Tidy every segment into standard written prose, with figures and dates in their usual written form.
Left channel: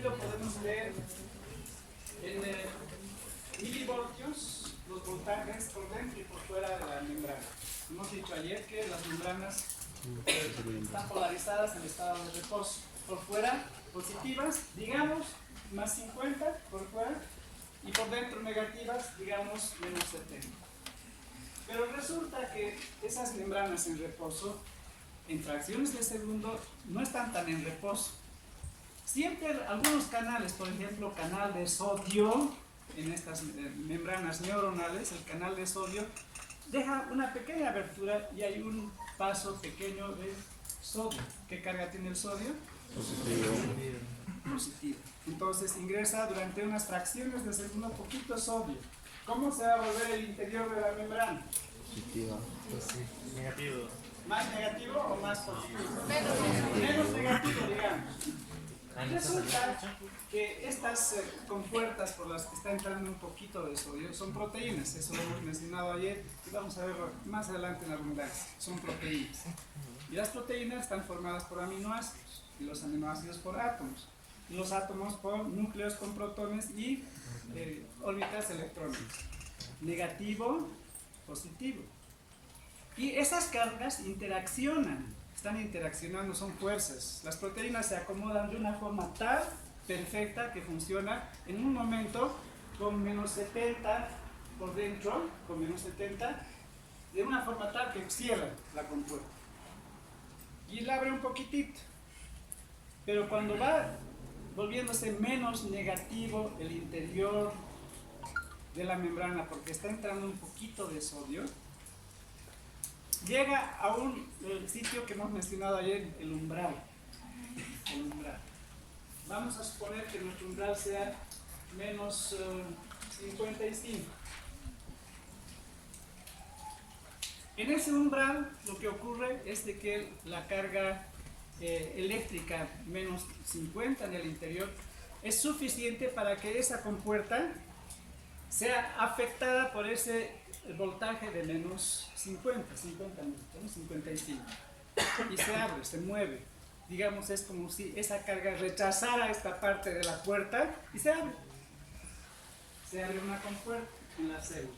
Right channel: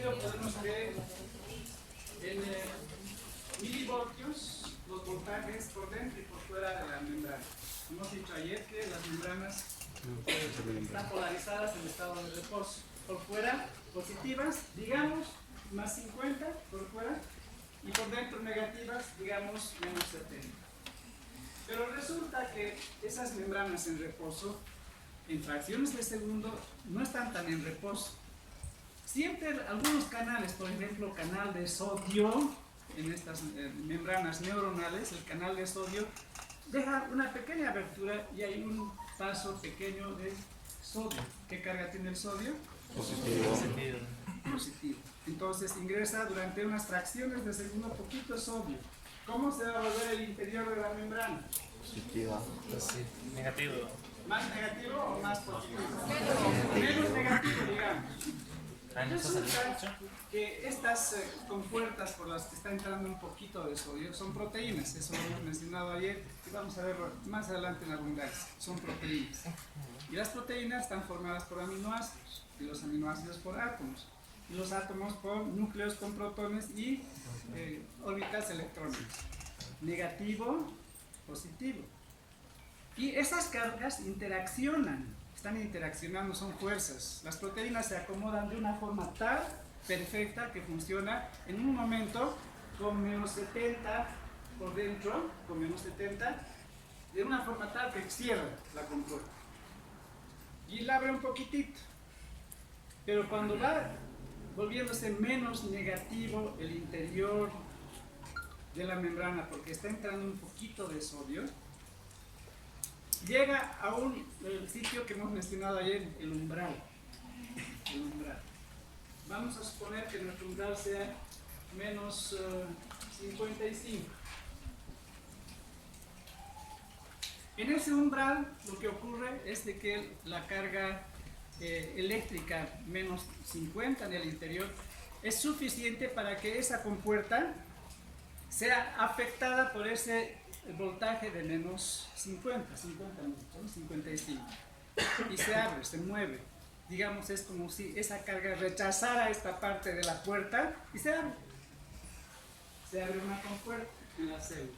sentido podemos ver en milivoltios los voltajes por dentro y por fuera de la membrana. Hemos dicho ayer que las membranas están polarizadas en estado de reposo. Por fuera positivas, digamos, más 50 por fuera, y por dentro negativas, digamos, menos 70. Pero resulta que esas membranas en reposo, en fracciones de segundo, no están tan en reposo. Siempre algunos canales, por ejemplo, canal de sodio, en estas membranas neuronales, el canal de sodio, deja una pequeña abertura y hay un paso pequeño de sodio. ¿Qué carga tiene el sodio? Positivo. Positivo. Entonces ingresa durante unas fracciones de segundo poquito sodio. ¿Cómo se va a volver el interior de la membrana? Positiva. Negativo. ¿Más negativo o más positivo? Menos negativo, digamos. Resulta que estas compuertas por las que está entrando un poquito de sodio son proteínas, eso lo hemos mencionado ayer y vamos a verlo más adelante en abundancia, son proteínas. Y las proteínas están formadas por aminoácidos y los aminoácidos por átomos. Y los átomos por núcleos con protones y órbitas electrónicas. Negativo, positivo. Y esas cargas interaccionan, están interaccionando, son fuerzas. Las proteínas se acomodan de una forma tal, perfecta, que funciona en un momento con menos 70 por dentro, con menos 70, de una forma tal que cierra la compuerta. Y la abre un poquitito. Pero cuando va volviéndose menos negativo el interior de la membrana, porque está entrando un poquito de sodio, llega a un sitio que hemos mencionado ayer, el umbral. El umbral. Vamos a suponer que nuestro umbral sea menos 55. En ese umbral lo que ocurre es de que la carga eléctrica menos 50 en el interior es suficiente para que esa compuerta sea afectada por ese voltaje de menos 50, 55, y se abre, se mueve. Digamos, es como si esa carga rechazara esta parte de la puerta y se abre. Se abre una compuerta en la célula.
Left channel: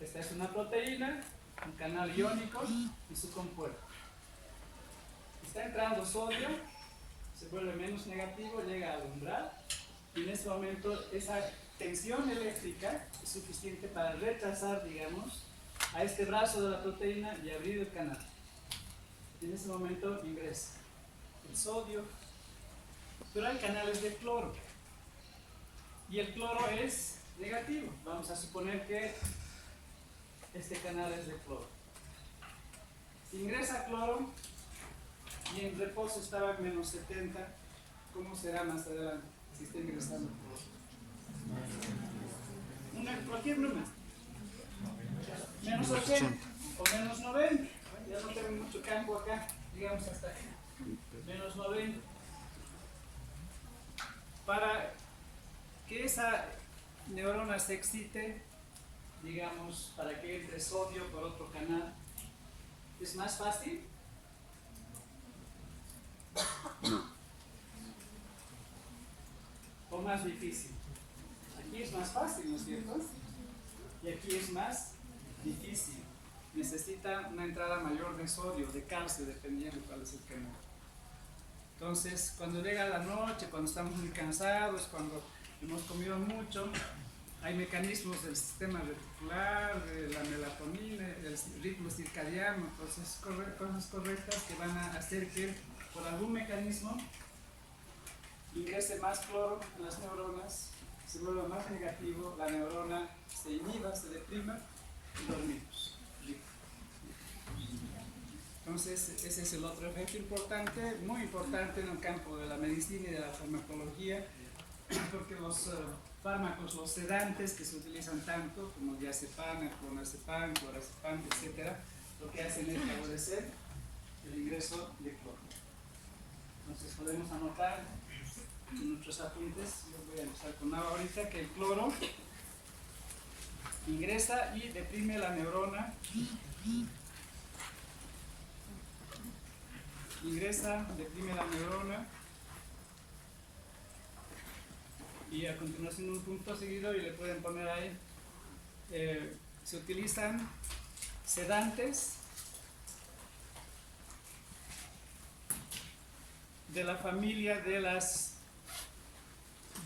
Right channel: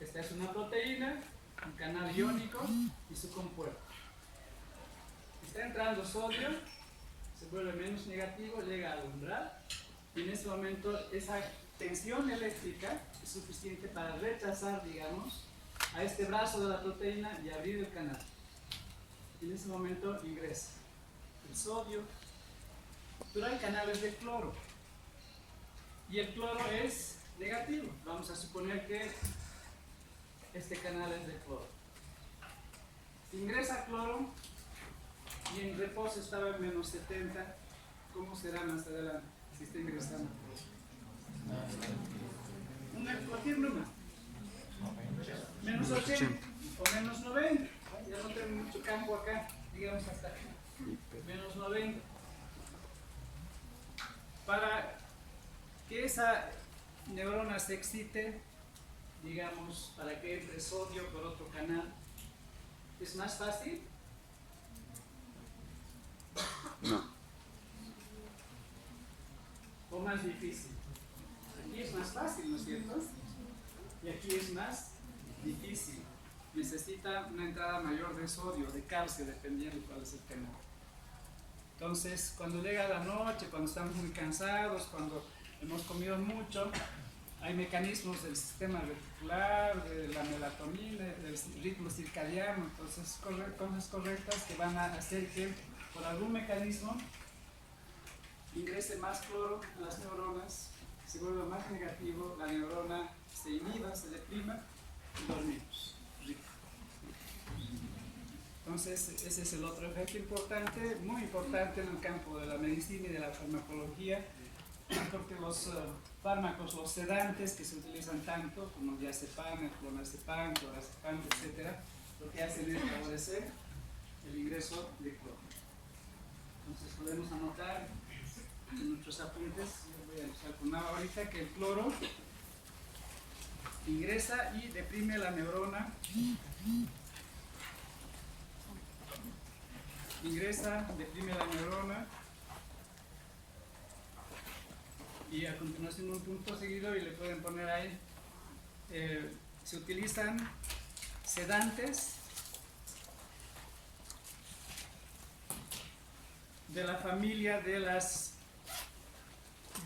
Esta es una proteína, un canal iónico y su compuerta. Está entrando sodio, se vuelve menos negativo, llega al umbral y en ese momento esa tensión eléctrica es suficiente para rechazar, digamos, a este brazo de la proteína y abrir el canal. Y en ese momento ingresa el sodio, pero hay canales de cloro y el cloro es negativo. Vamos a suponer que este canal es de cloro. Si ingresa cloro y en reposo estaba en menos 70, ¿cómo será más adelante si está ingresando cloro? Cualquier número, menos 80 o menos 90, ya no tengo mucho campo acá, digamos hasta acá, menos 90. Para que esa neurona se excite, digamos, para que entre sodio por otro canal, ¿es más fácil? No. ¿O más difícil? Aquí es más fácil, ¿no es cierto? Y aquí es más difícil. Necesita una entrada mayor de sodio, de calcio, dependiendo de cuál es el canal. Entonces, cuando llega la noche, cuando estamos muy cansados, cuando hemos comido mucho, hay mecanismos del sistema reticular, de la melatonina, del ritmo circadiano, cosas correctas que van a hacer que por algún mecanismo ingrese más cloro en las neuronas, se vuelva más negativo, la neurona se inhiba, se deprima y dormimos. Rico. Entonces, ese es el otro efecto importante, muy importante en el campo de la medicina y de la farmacología, porque los fármacos, los sedantes que se utilizan tanto, como el diazepam, el clonazepam, clorazepam, etc., lo que hacen es favorecer el ingreso de cloro. Entonces, podemos anotar en nuestros apuntes, yo voy a empezar con nada ahorita, que el cloro ingresa y deprime la neurona ingresa, deprime la neurona y a continuación un punto seguido y le pueden poner ahí. Se utilizan sedantes de la familia de las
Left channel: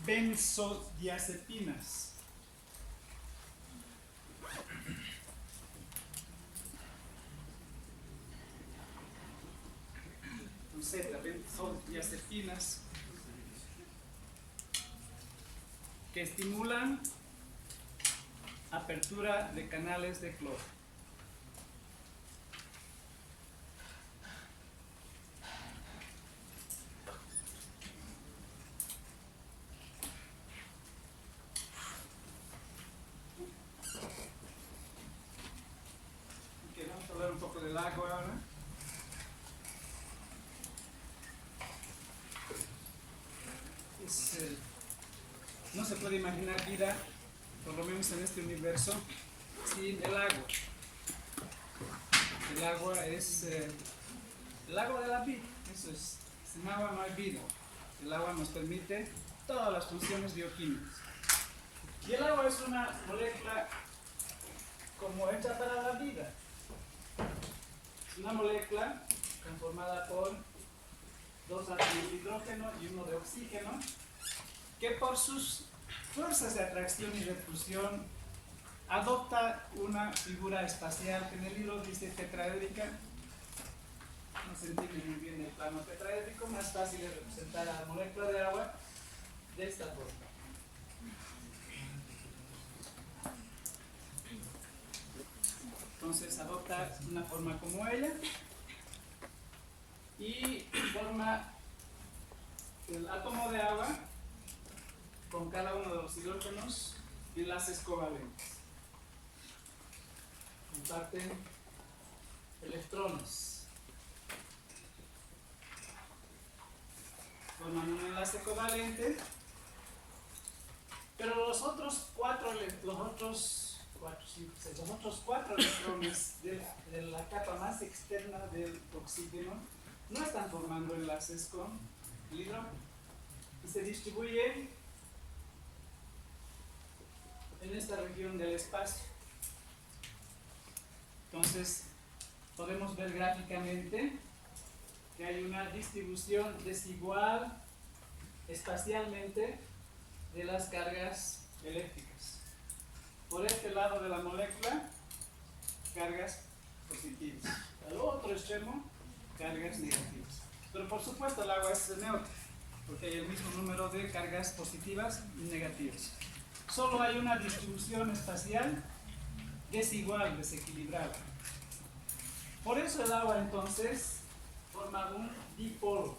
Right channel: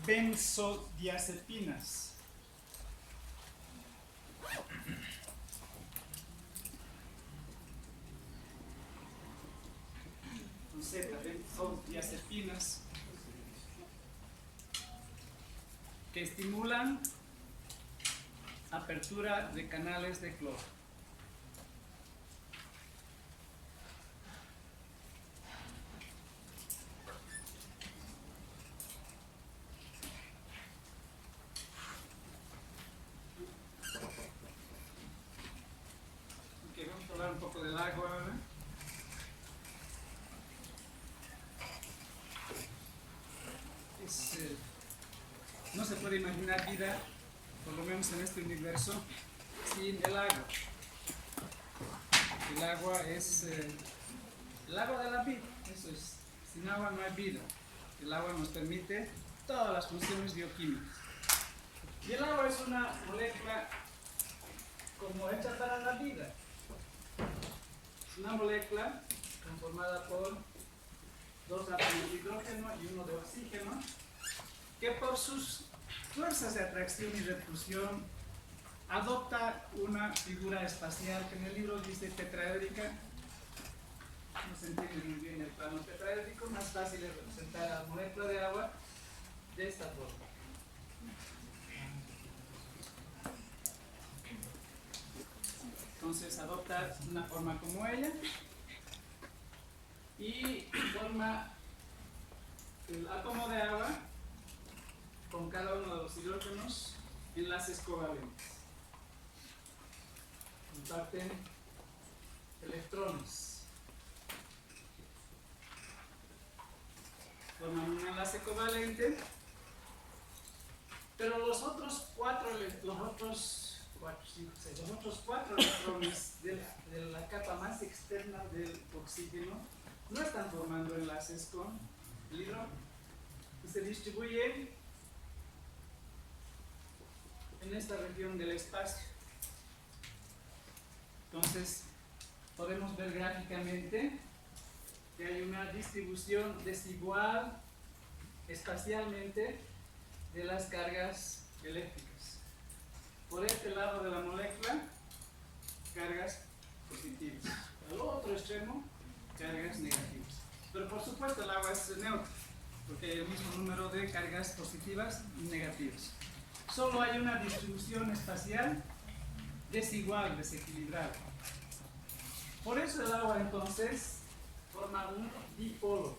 benzodiazepinas. Con Z, benzodiazepinas, que estimulan apertura de canales de cloro. Ok, vamos a hablar un poco del agua ahora. No se puede imaginar vida, por lo menos en este universo, sin el agua. El agua es el agua de la vida, eso es. Sin agua no hay vida. El agua nos permite todas las funciones bioquímicas. Y el agua es una molécula como hecha para la vida. Es una molécula conformada por 2 átomos de hidrógeno y 1 de oxígeno, que por sus fuerzas de atracción y repulsión adopta una figura espacial que en el libro dice tetraédrica. No se entiende muy bien el plano tetraédrico, más fácil es representar a la molécula de agua de esta forma. Entonces adopta una forma como ella y forma el átomo de agua con cada uno de los hidrógenos enlaces covalentes. Comparten electrones. Forman un enlace covalente, pero los otros cuatro electrones de la capa más externa del oxígeno no están formando enlaces con el hidrógeno y se distribuyen en esta región del espacio. Entonces podemos ver gráficamente que hay una distribución desigual espacialmente de las cargas eléctricas. Por este lado de la molécula, cargas positivas. Al otro extremo, cargas negativas. Pero por supuesto el agua es neutra, porque hay el mismo número de cargas positivas y negativas. Solo hay una distribución espacial desigual, desequilibrada. Por eso el agua entonces forma un dipolo,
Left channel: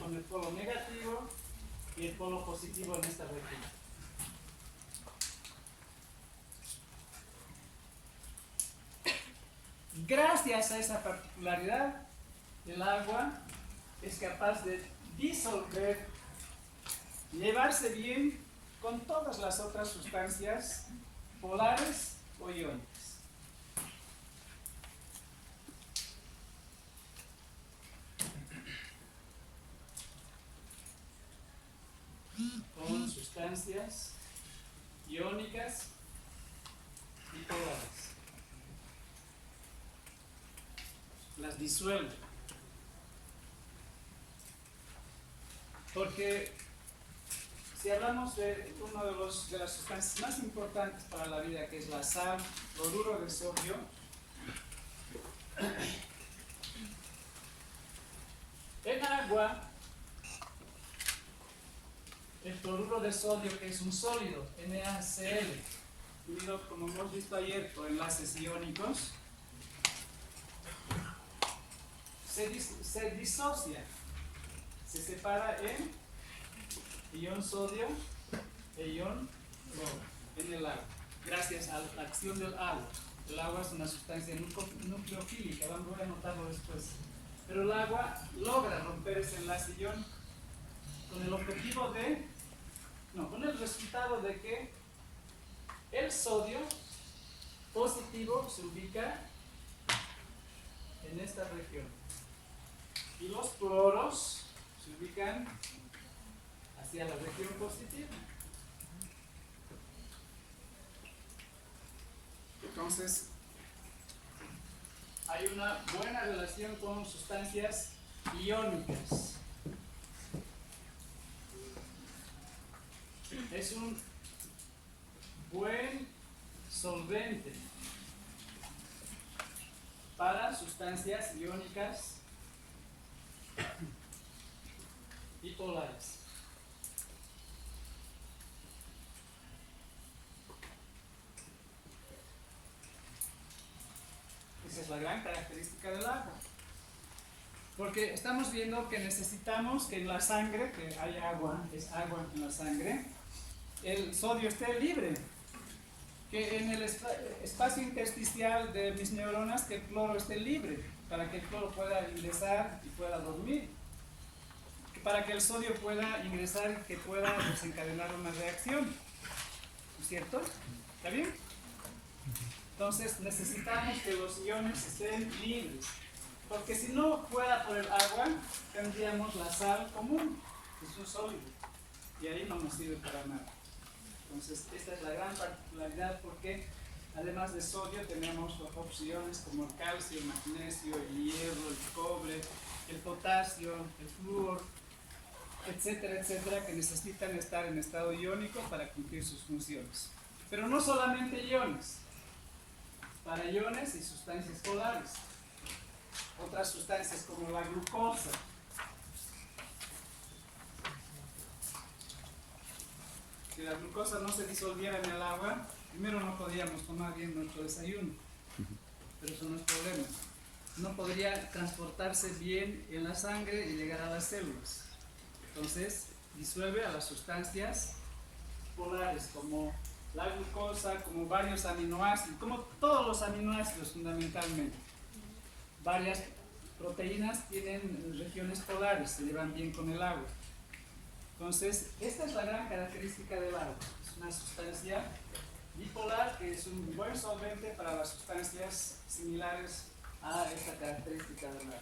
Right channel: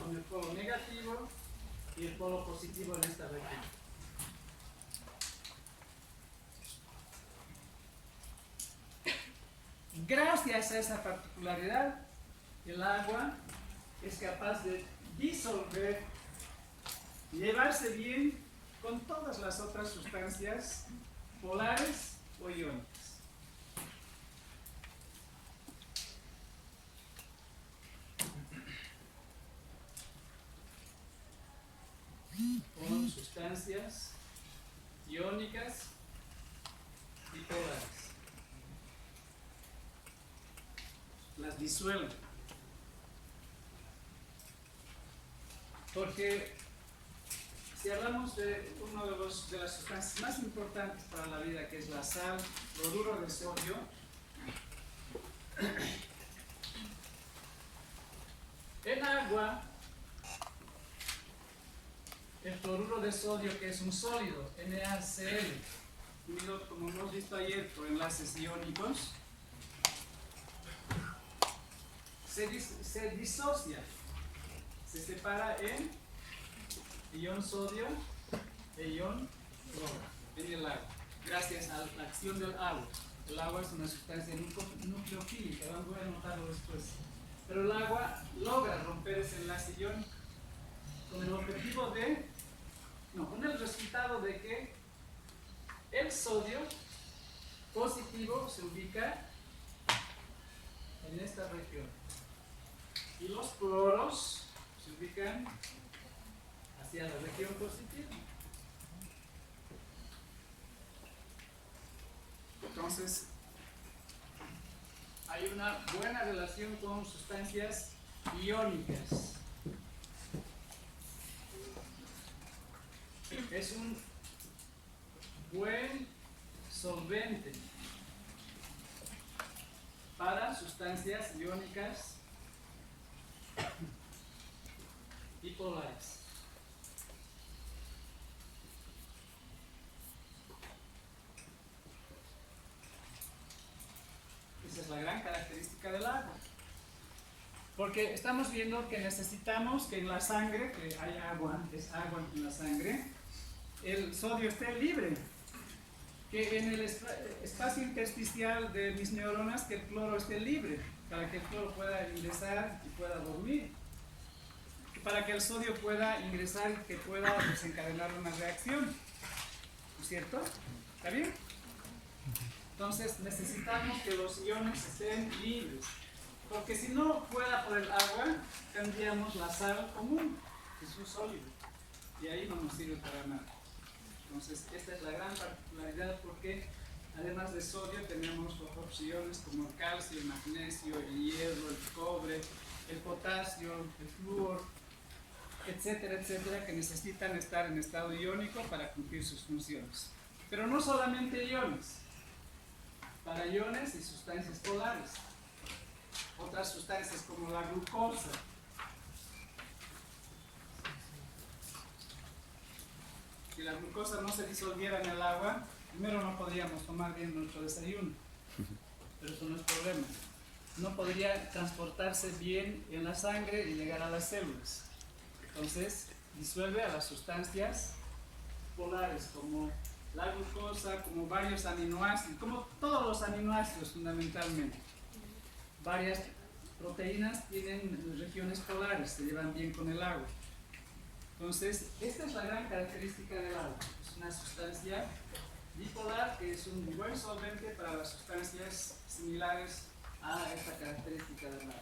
con el polo negativo y el polo positivo en esta región. Gracias a esa particularidad, el agua es capaz de disolver, llevarse bien con todas las otras sustancias polares o iónicas. Con sustancias iónicas y polares. Las disuelve. Porque si hablamos de una de las sustancias más importantes para la vida, que es la sal, cloruro de sodio, en agua, el cloruro de sodio, que es un sólido, NaCl, unido, como hemos visto ayer, por enlaces iónicos, se disocia, se separa en ion sodio e ion cloro en el agua, gracias a la acción del agua. El agua es una sustancia nucleofílica, voy a anotarlo después. Pero el agua logra romper ese enlace iónico con el objetivo con el resultado de que el sodio positivo se ubica en esta región. Y los cloros se ubican hacia la región positiva. Entonces, hay una buena relación con sustancias iónicas. Es un buen solvente para sustancias iónicas y polares. Esa es la gran característica del agua. Porque estamos viendo que necesitamos que en la sangre, que haya agua, es agua en la sangre, el sodio esté libre. Que en el espacio intersticial de mis neuronas, que el cloro esté libre, para que el cloro pueda ingresar y pueda dormir. Para que el sodio pueda ingresar y que pueda desencadenar una reacción. ¿No es cierto? ¿Está bien? Entonces necesitamos que los iones estén libres. Porque si no fuera por el agua, tendríamos la sal común, que es un sólido. Y ahí no nos sirve para nada. Entonces, esta es la gran particularidad porque además de sodio tenemos otros iones como el calcio, el magnesio, el hierro, el cobre, el potasio, el flúor, etcétera, etcétera, que necesitan estar en estado iónico para cumplir sus funciones. Pero no solamente iones, para iones y sustancias polares. Otras sustancias como la glucosa. Si la glucosa no se disolviera en el agua, primero no podríamos tomar bien nuestro desayuno, pero eso no es problema. No podría transportarse bien en la sangre y llegar a las células. Entonces, disuelve a las sustancias polares como la glucosa, como varios aminoácidos, como todos los aminoácidos fundamentalmente. Varias proteínas tienen regiones polares, se llevan bien con el agua. Entonces, esta es la gran característica del agua. Es una sustancia bipolar que es un buen solvente para las sustancias similares a esta característica del agua.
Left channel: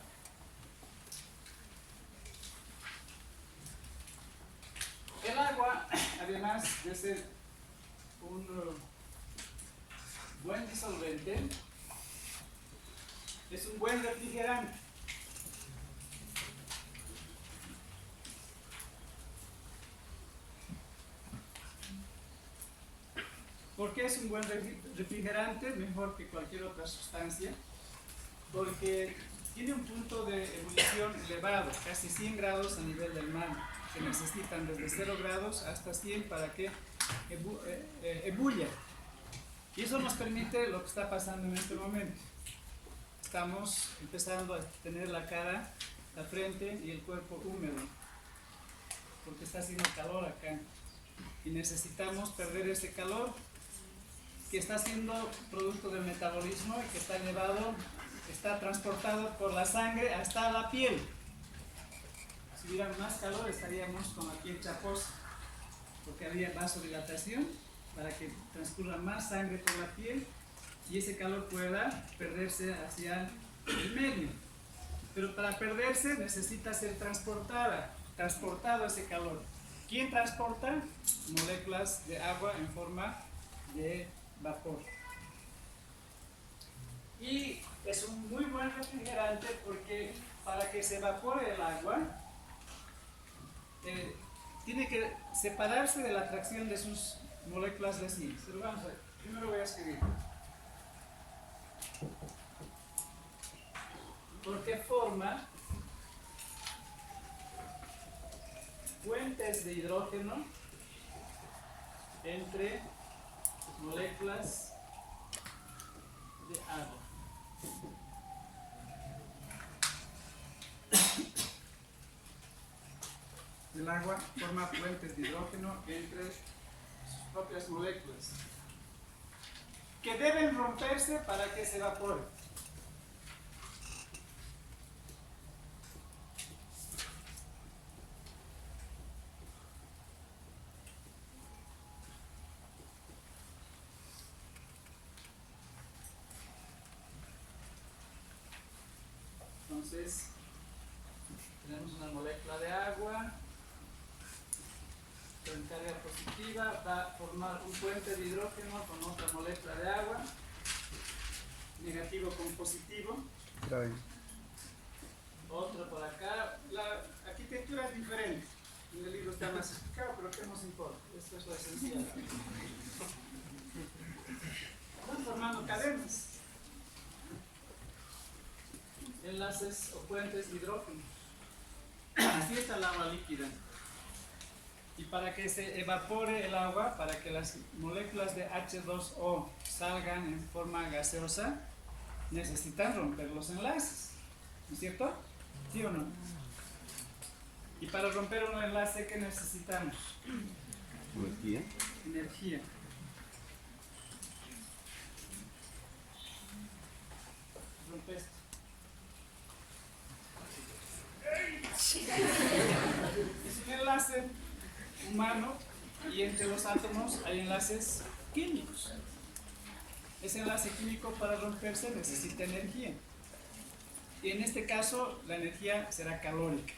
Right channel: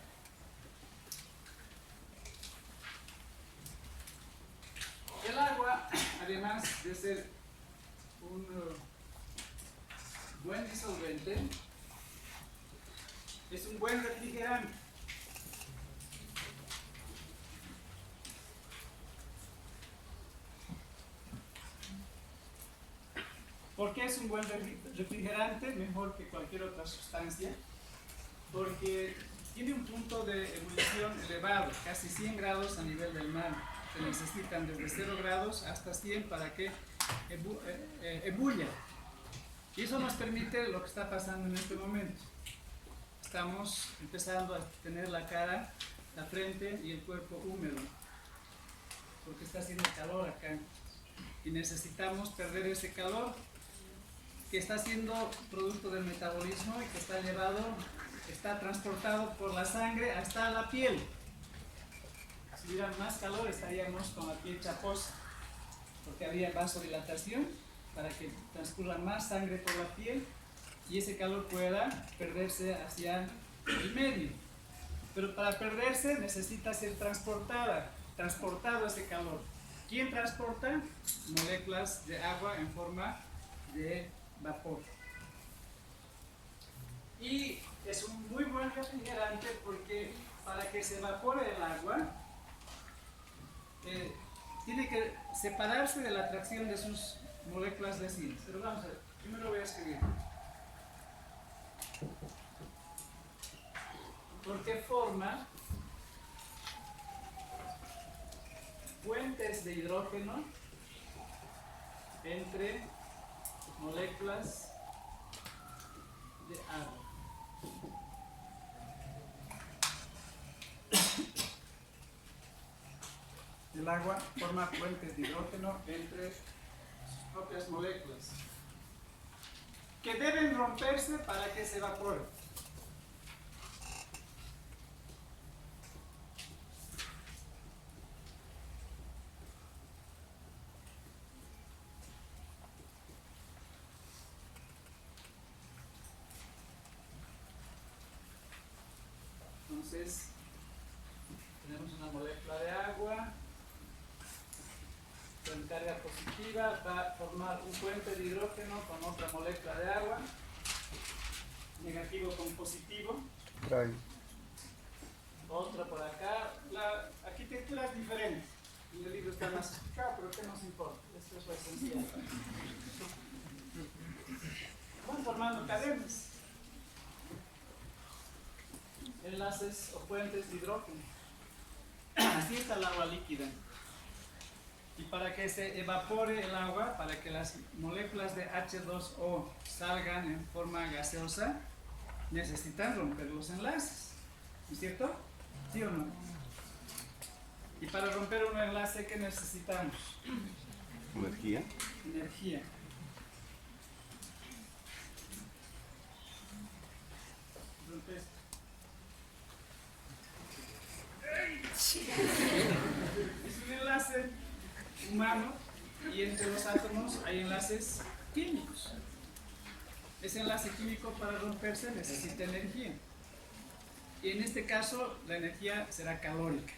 El agua, además de ser un buen disolvente, es un buen refrigerante. ¿Por qué es un buen refrigerante? Mejor que cualquier otra sustancia. Porque tiene un punto de ebullición elevado, casi 100 grados a nivel del mar. Se necesitan desde 0 grados hasta 100 para que ebulla. Y eso nos permite lo que está pasando en este momento. Estamos empezando a tener la cara, la frente y el cuerpo húmedo, porque está haciendo calor acá. Y necesitamos perder ese calor que está siendo producto del metabolismo y que está transportado por la sangre hasta la piel. Si hubiera más calor estaríamos con la piel chaposa, porque había vasodilatación para que transcurra más sangre por la piel y ese calor pueda perderse hacia el medio. Pero para perderse necesita ser transportado ese calor. ¿Quién transporta? Moléculas de agua en forma de vapor. Y es un muy buen refrigerante porque para que se evapore el agua tiene que separarse de la atracción de sus moléculas vecinas. Pero vamos a ver, primero voy a escribir. Porque forma puentes de hidrógeno entre moléculas de agua. El agua forma puentes de hidrógeno entre sus propias moléculas que deben romperse para que se evapore. Entonces, tenemos una molécula de agua con carga positiva, va a formar un puente de hidrógeno con otra molécula de agua, negativo con positivo, Trae. otra por acá. La arquitectura es diferente, en el libro está más explicado, pero ¿qué nos importa? Esto es lo esencial. Van formando cadenas, enlaces o puentes de hidrógeno. Así está el agua líquida. Y para que se evapore el agua, para que las moléculas de H2O salgan en forma gaseosa, necesitan romper los enlaces. ¿No es cierto? ¿Sí o no? Y para romper un enlace, ¿qué necesitamos? Energía. Energía. Rompe esto. Es un enlace humano y entre los átomos hay enlaces químicos. Ese enlace químico para romperse necesita energía. Y en este caso la energía será calórica.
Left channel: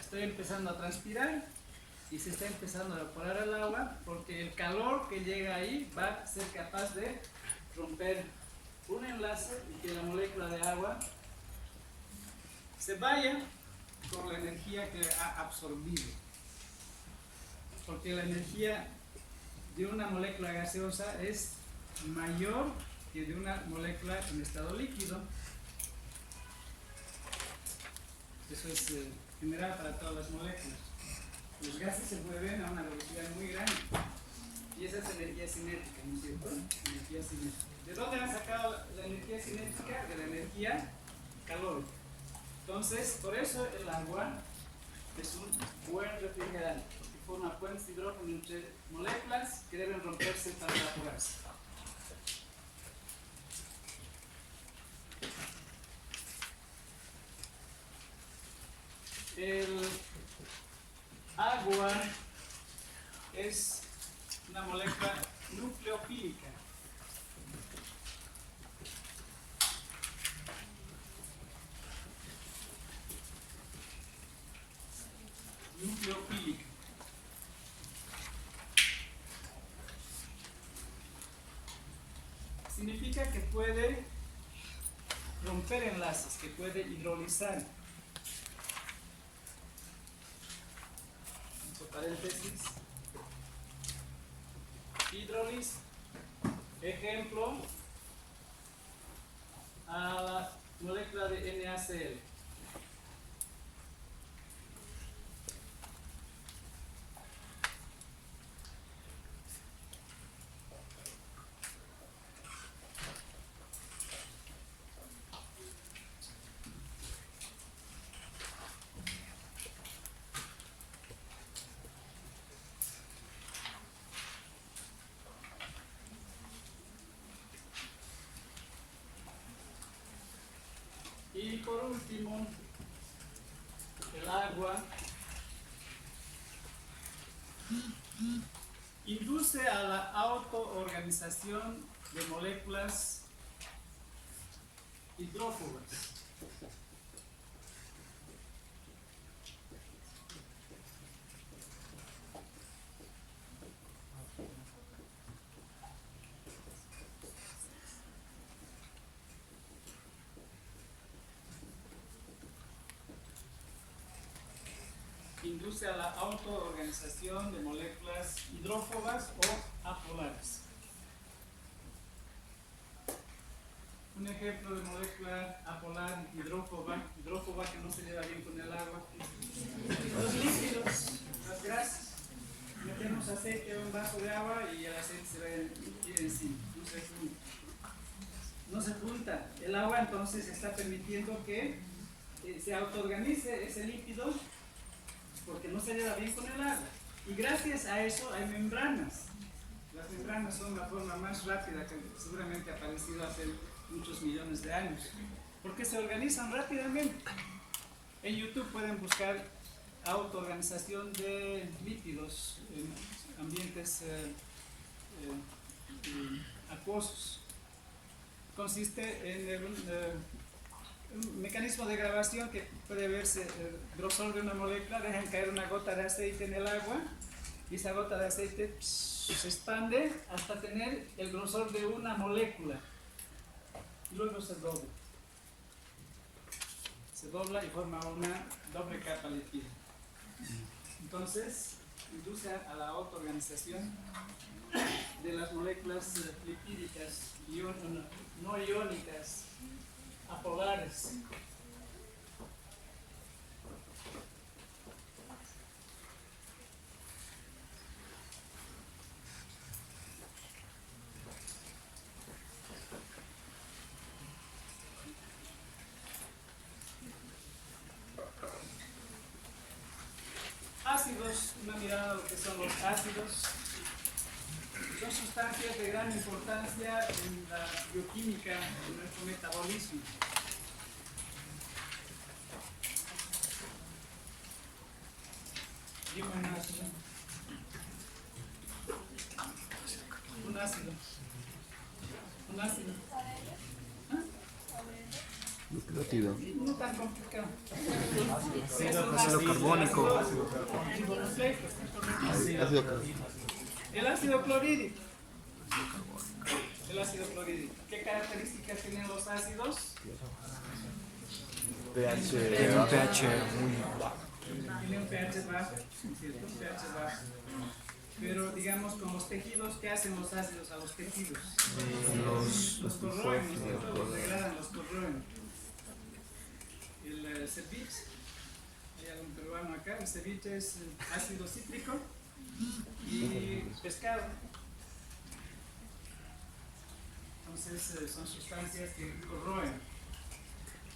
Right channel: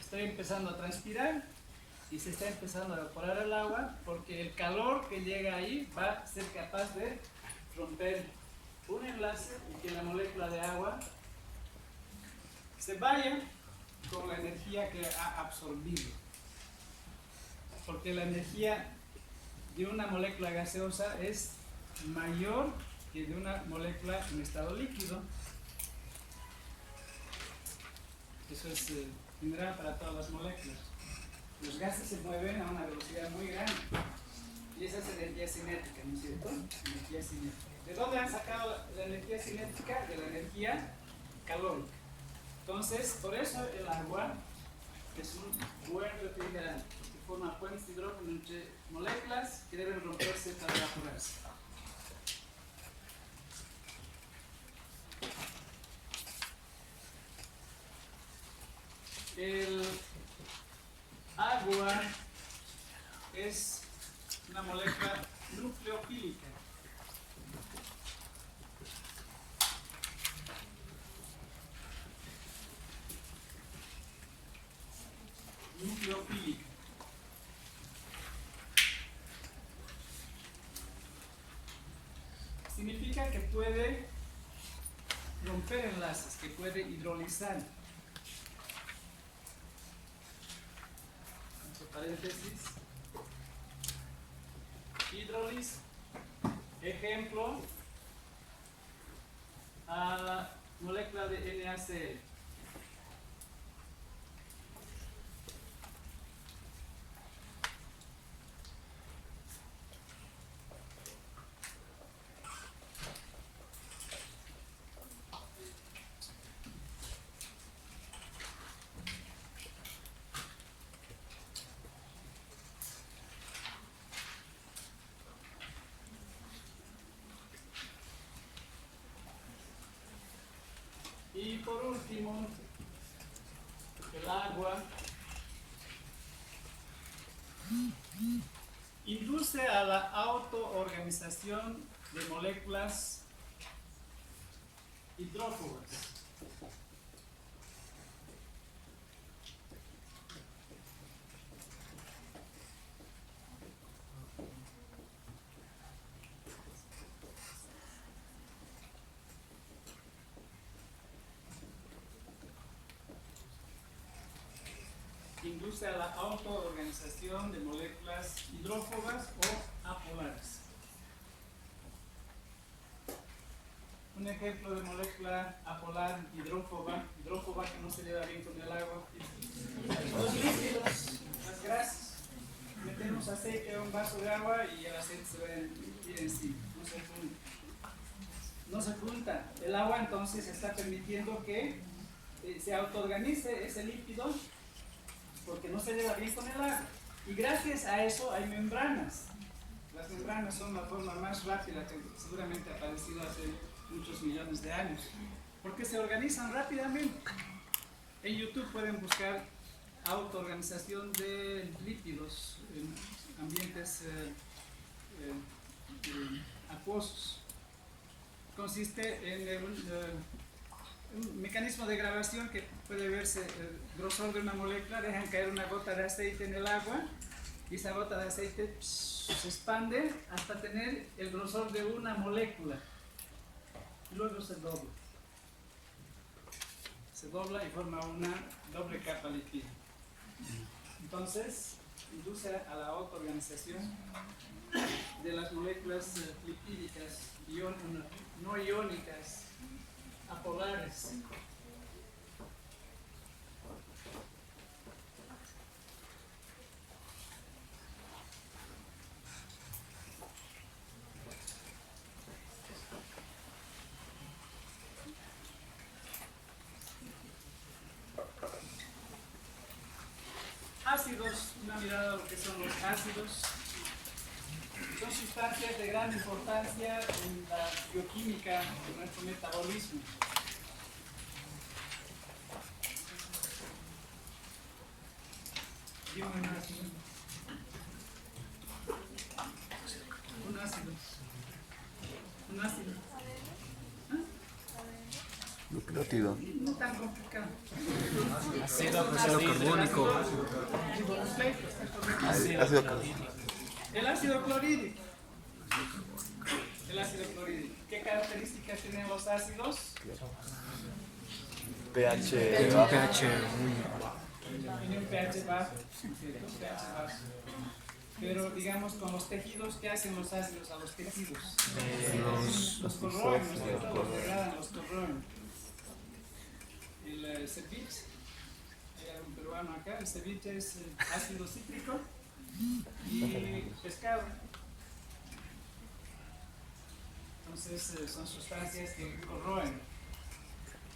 Estoy empezando a transpirar y se está empezando a evaporar el agua porque el calor que llega ahí va a ser capaz de romper un enlace y que la molécula de agua se vaya con la energía que ha absorbido. Porque la energía de una molécula gaseosa es mayor que de una molécula en estado líquido. Eso es general para todas las moléculas. Los gases se mueven a una velocidad muy grande. Y esa es energía cinética, ¿no es cierto? Energía cinética. ¿De dónde han sacado la energía cinética? De la energía calórica. Entonces, por eso el agua es un buen refrigerante, porque forma puentes de hidrógeno entre moléculas que deben romperse para evaporarse. El agua es una molécula nucleofílica. Nucleofílica. Significa que puede romper enlaces, que puede hidrolizar. Entre paréntesis. Hidrólisis. Ejemplo, a la molécula de NaCl. Y por último, el agua induce a la autoorganización de moléculas hidrófobas. Induce a la autoorganización de moléculas hidrófobas o apolares. Un ejemplo de molécula apolar hidrófoba que no se lleva bien con el agua, los líquidos, las grasas. Metemos aceite en un vaso de agua y el aceite se va encima, no se junta. El agua entonces está permitiendo que se autoorganice ese líquido porque no se lleva bien con el agua. Y gracias a eso hay membranas. Las membranas son la forma más rápida que seguramente ha aparecido hace muchos millones de años, porque se organizan rápidamente. En YouTube pueden buscar autoorganización de lípidos en ambientes acuosos. Consiste en mecanismo de grabación que puede verse el grosor de una molécula, dejan caer una gota de aceite en el agua y esa gota de aceite se expande hasta tener el grosor de una molécula y luego se dobla. Se dobla y forma una doble capa lipídica. Entonces, induce a la autoorganización de las moléculas lipídicas no iónicas, apolares. Ácidos, una mirada a lo que son los ácidos. Son sustancias de gran importancia en la bioquímica de nuestro metabolismo. Dime un ácido. Un ácido. Un ácido. Nucleótido. No tan complicado. Ácido carbónico. El ácido clorhídrico. El ácido clorhídrico. ¿Qué características tienen los ácidos? Tiene un pH muy bajo. Tiene un pH bajo, ¿cierto? Un pH bajo. Pero digamos, con los tejidos, ¿qué hacen los ácidos a los tejidos? Los corroen, ¿no es cierto? Los degradan, los corroen. El ceviche, hay algún peruano acá, el ceviche es ácido cítrico y pescado. Entonces son sustancias que corroen.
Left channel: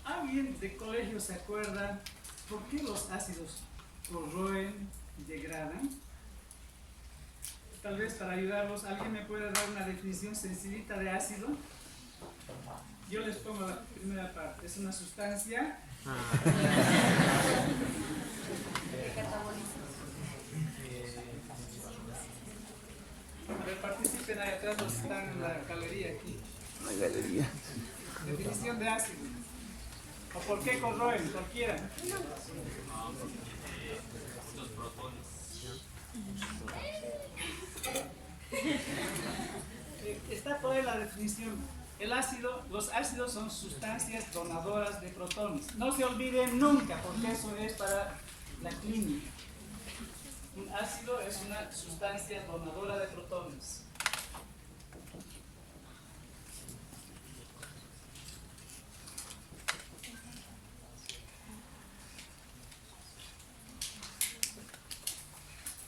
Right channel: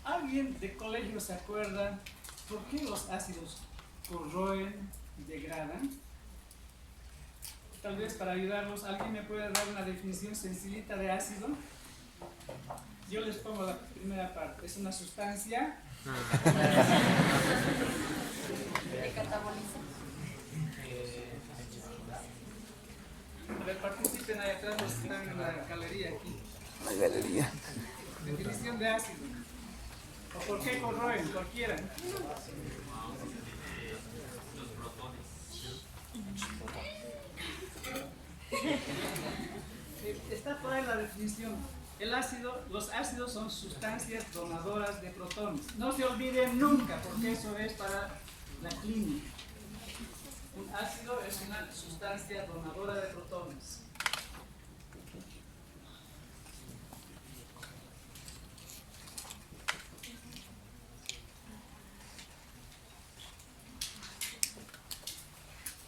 ¿Alguien de colegio se acuerda por qué los ácidos corroen y degradan? Tal vez para ayudarlos, ¿alguien me puede dar una definición sencillita de ácido? Yo les pongo la primera parte. Es una sustancia a ver, participen ahí atrás los que están en la galería aquí. La galería. Definición de ácido. ¿O por qué corroen? Cualquiera. Los protones. Está por ahí la definición. Los ácidos son sustancias donadoras de protones. No se olviden nunca, porque eso es para la clínica. Un ácido es una sustancia donadora de protones.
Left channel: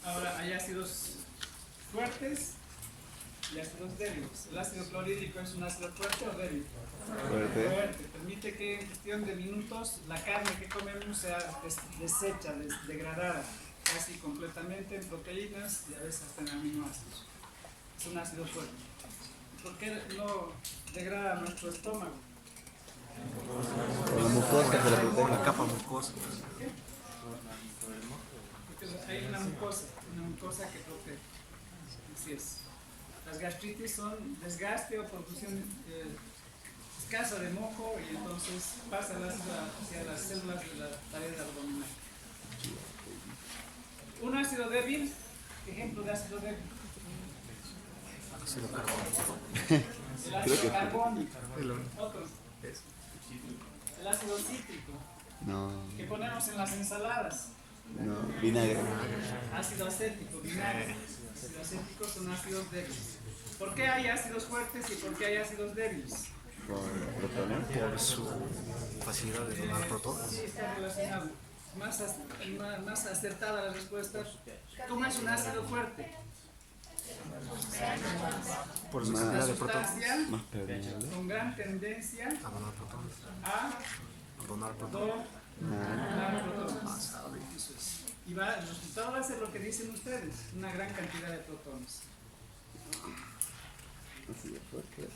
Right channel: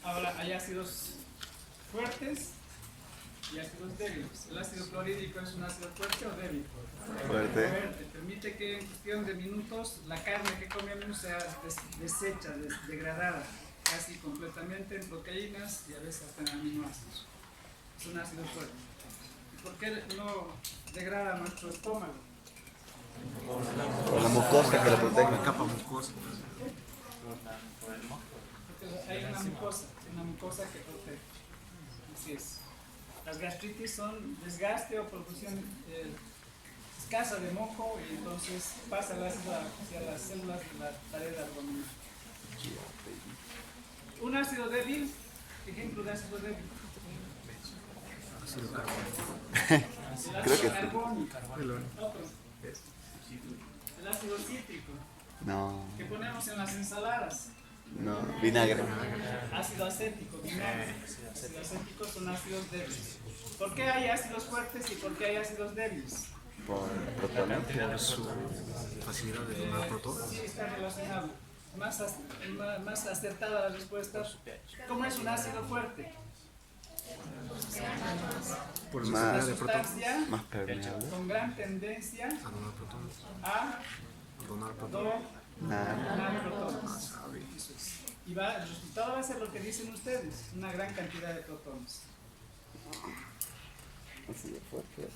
Ahora, hay ácidos fuertes y ácidos débiles. ¿El ácido clorhídrico es un ácido fuerte o débil? Fuerte. Permite que en cuestión de minutos la carne que comemos sea deshecha, degradada casi completamente en proteínas y a veces hasta en aminoácidos. Es un ácido fuerte. ¿Y por qué no degrada nuestro estómago? Por la capa mucosa. Porque hay una mucosa que protege. Así es. Las gastritis son desgaste o producción escasa de moco y entonces pasa el ácido hacia las células de la pared abdominal. Un ácido débil, ejemplo de ácido débil. Ácido carbónico. El ácido carbónico. Otro. Es. El ácido cítrico, No. que ponemos en las ensaladas. No. Vinagre. Ácido acético, vinagre. Ácido acético son ácidos débiles. ¿Por qué hay ácidos fuertes y por qué hay ácidos débiles? Por su facilidad de donar protones. Sí, está relacionado. Más acertada la respuesta. ¿Cómo es un ácido fuerte? Por su Una cantidad de protones. sustancia Más permeable. con gran tendencia A donar protones. a A donar protones. donar protones. Sabe. Eso es. Y el resultado va a ser lo que dicen ustedes, una gran cantidad de protones. Así de fuerte.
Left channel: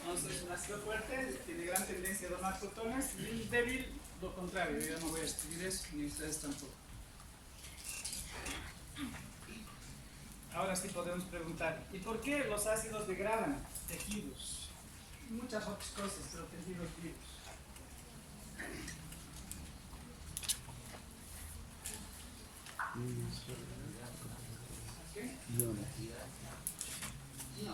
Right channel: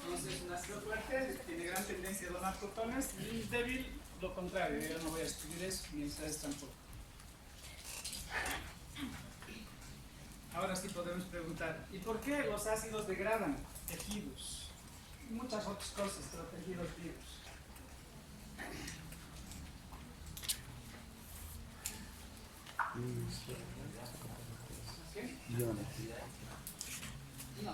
Entonces, un ácido fuerte tiene gran tendencia a donar protones y un débil lo contrario, yo no voy a escribir eso, ni ustedes tampoco. Ahora sí podemos preguntar, ¿y por qué los ácidos degradan tejidos? Muchas otras cosas, pero tejidos vivos. ¿Qué? No.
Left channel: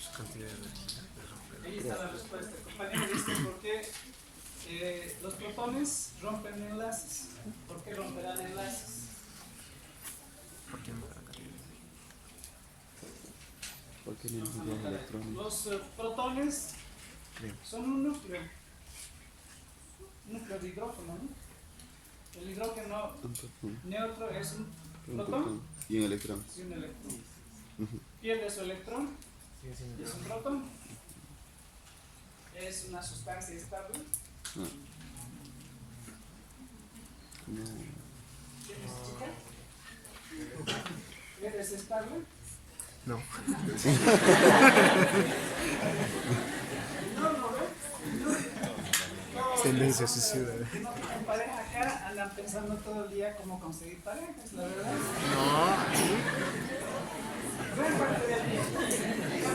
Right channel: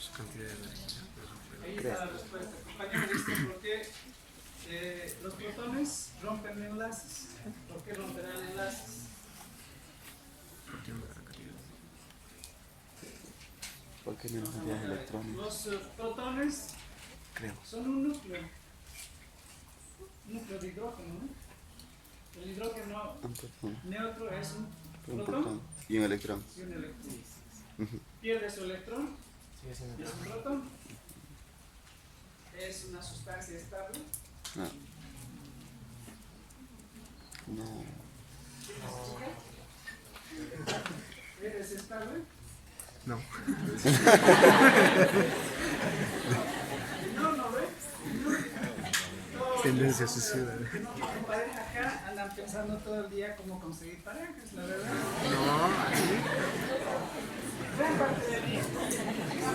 Su cantidad de energía. Ahí está la respuesta. Compañero, dice por qué los protones rompen enlaces. ¿Por qué romperán enlaces? Partiendo de la cantidad. ¿Por qué menos cantidad de electrones? Los protones Creo. son un núcleo de hidrógeno, ¿no? El hidrógeno Un protón. neutro es un Un protón protón. Y un electrón. y un electrón. Ujú. Pierde su electrón Sigue siendo y es un protón. Es una sustancia estable. No. No. ¿Tienes chica? ¿Eres estable? No. No, no ve. Tendencia suicida. Que no tienen pareja acá, andan pensando todo el día cómo conseguir parejas, la verdad. No. Gran parte del día.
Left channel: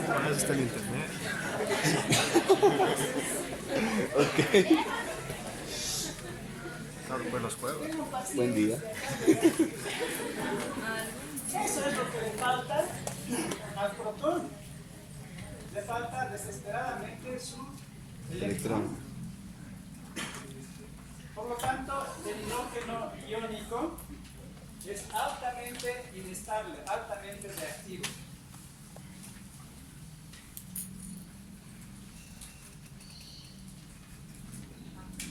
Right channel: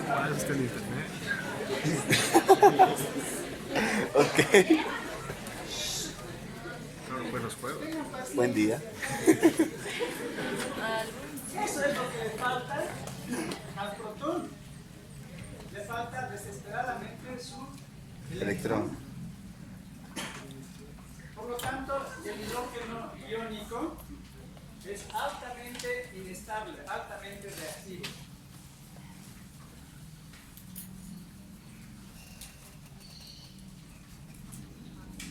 Para eso está el internet. Ok. Claro, buenos juegos. Tengan paciencia. Buen día. Eso es lo que le falta al protón. Le falta desesperadamente su electrón. Por lo tanto, el hidrógeno iónico es altamente inestable, altamente reactivo.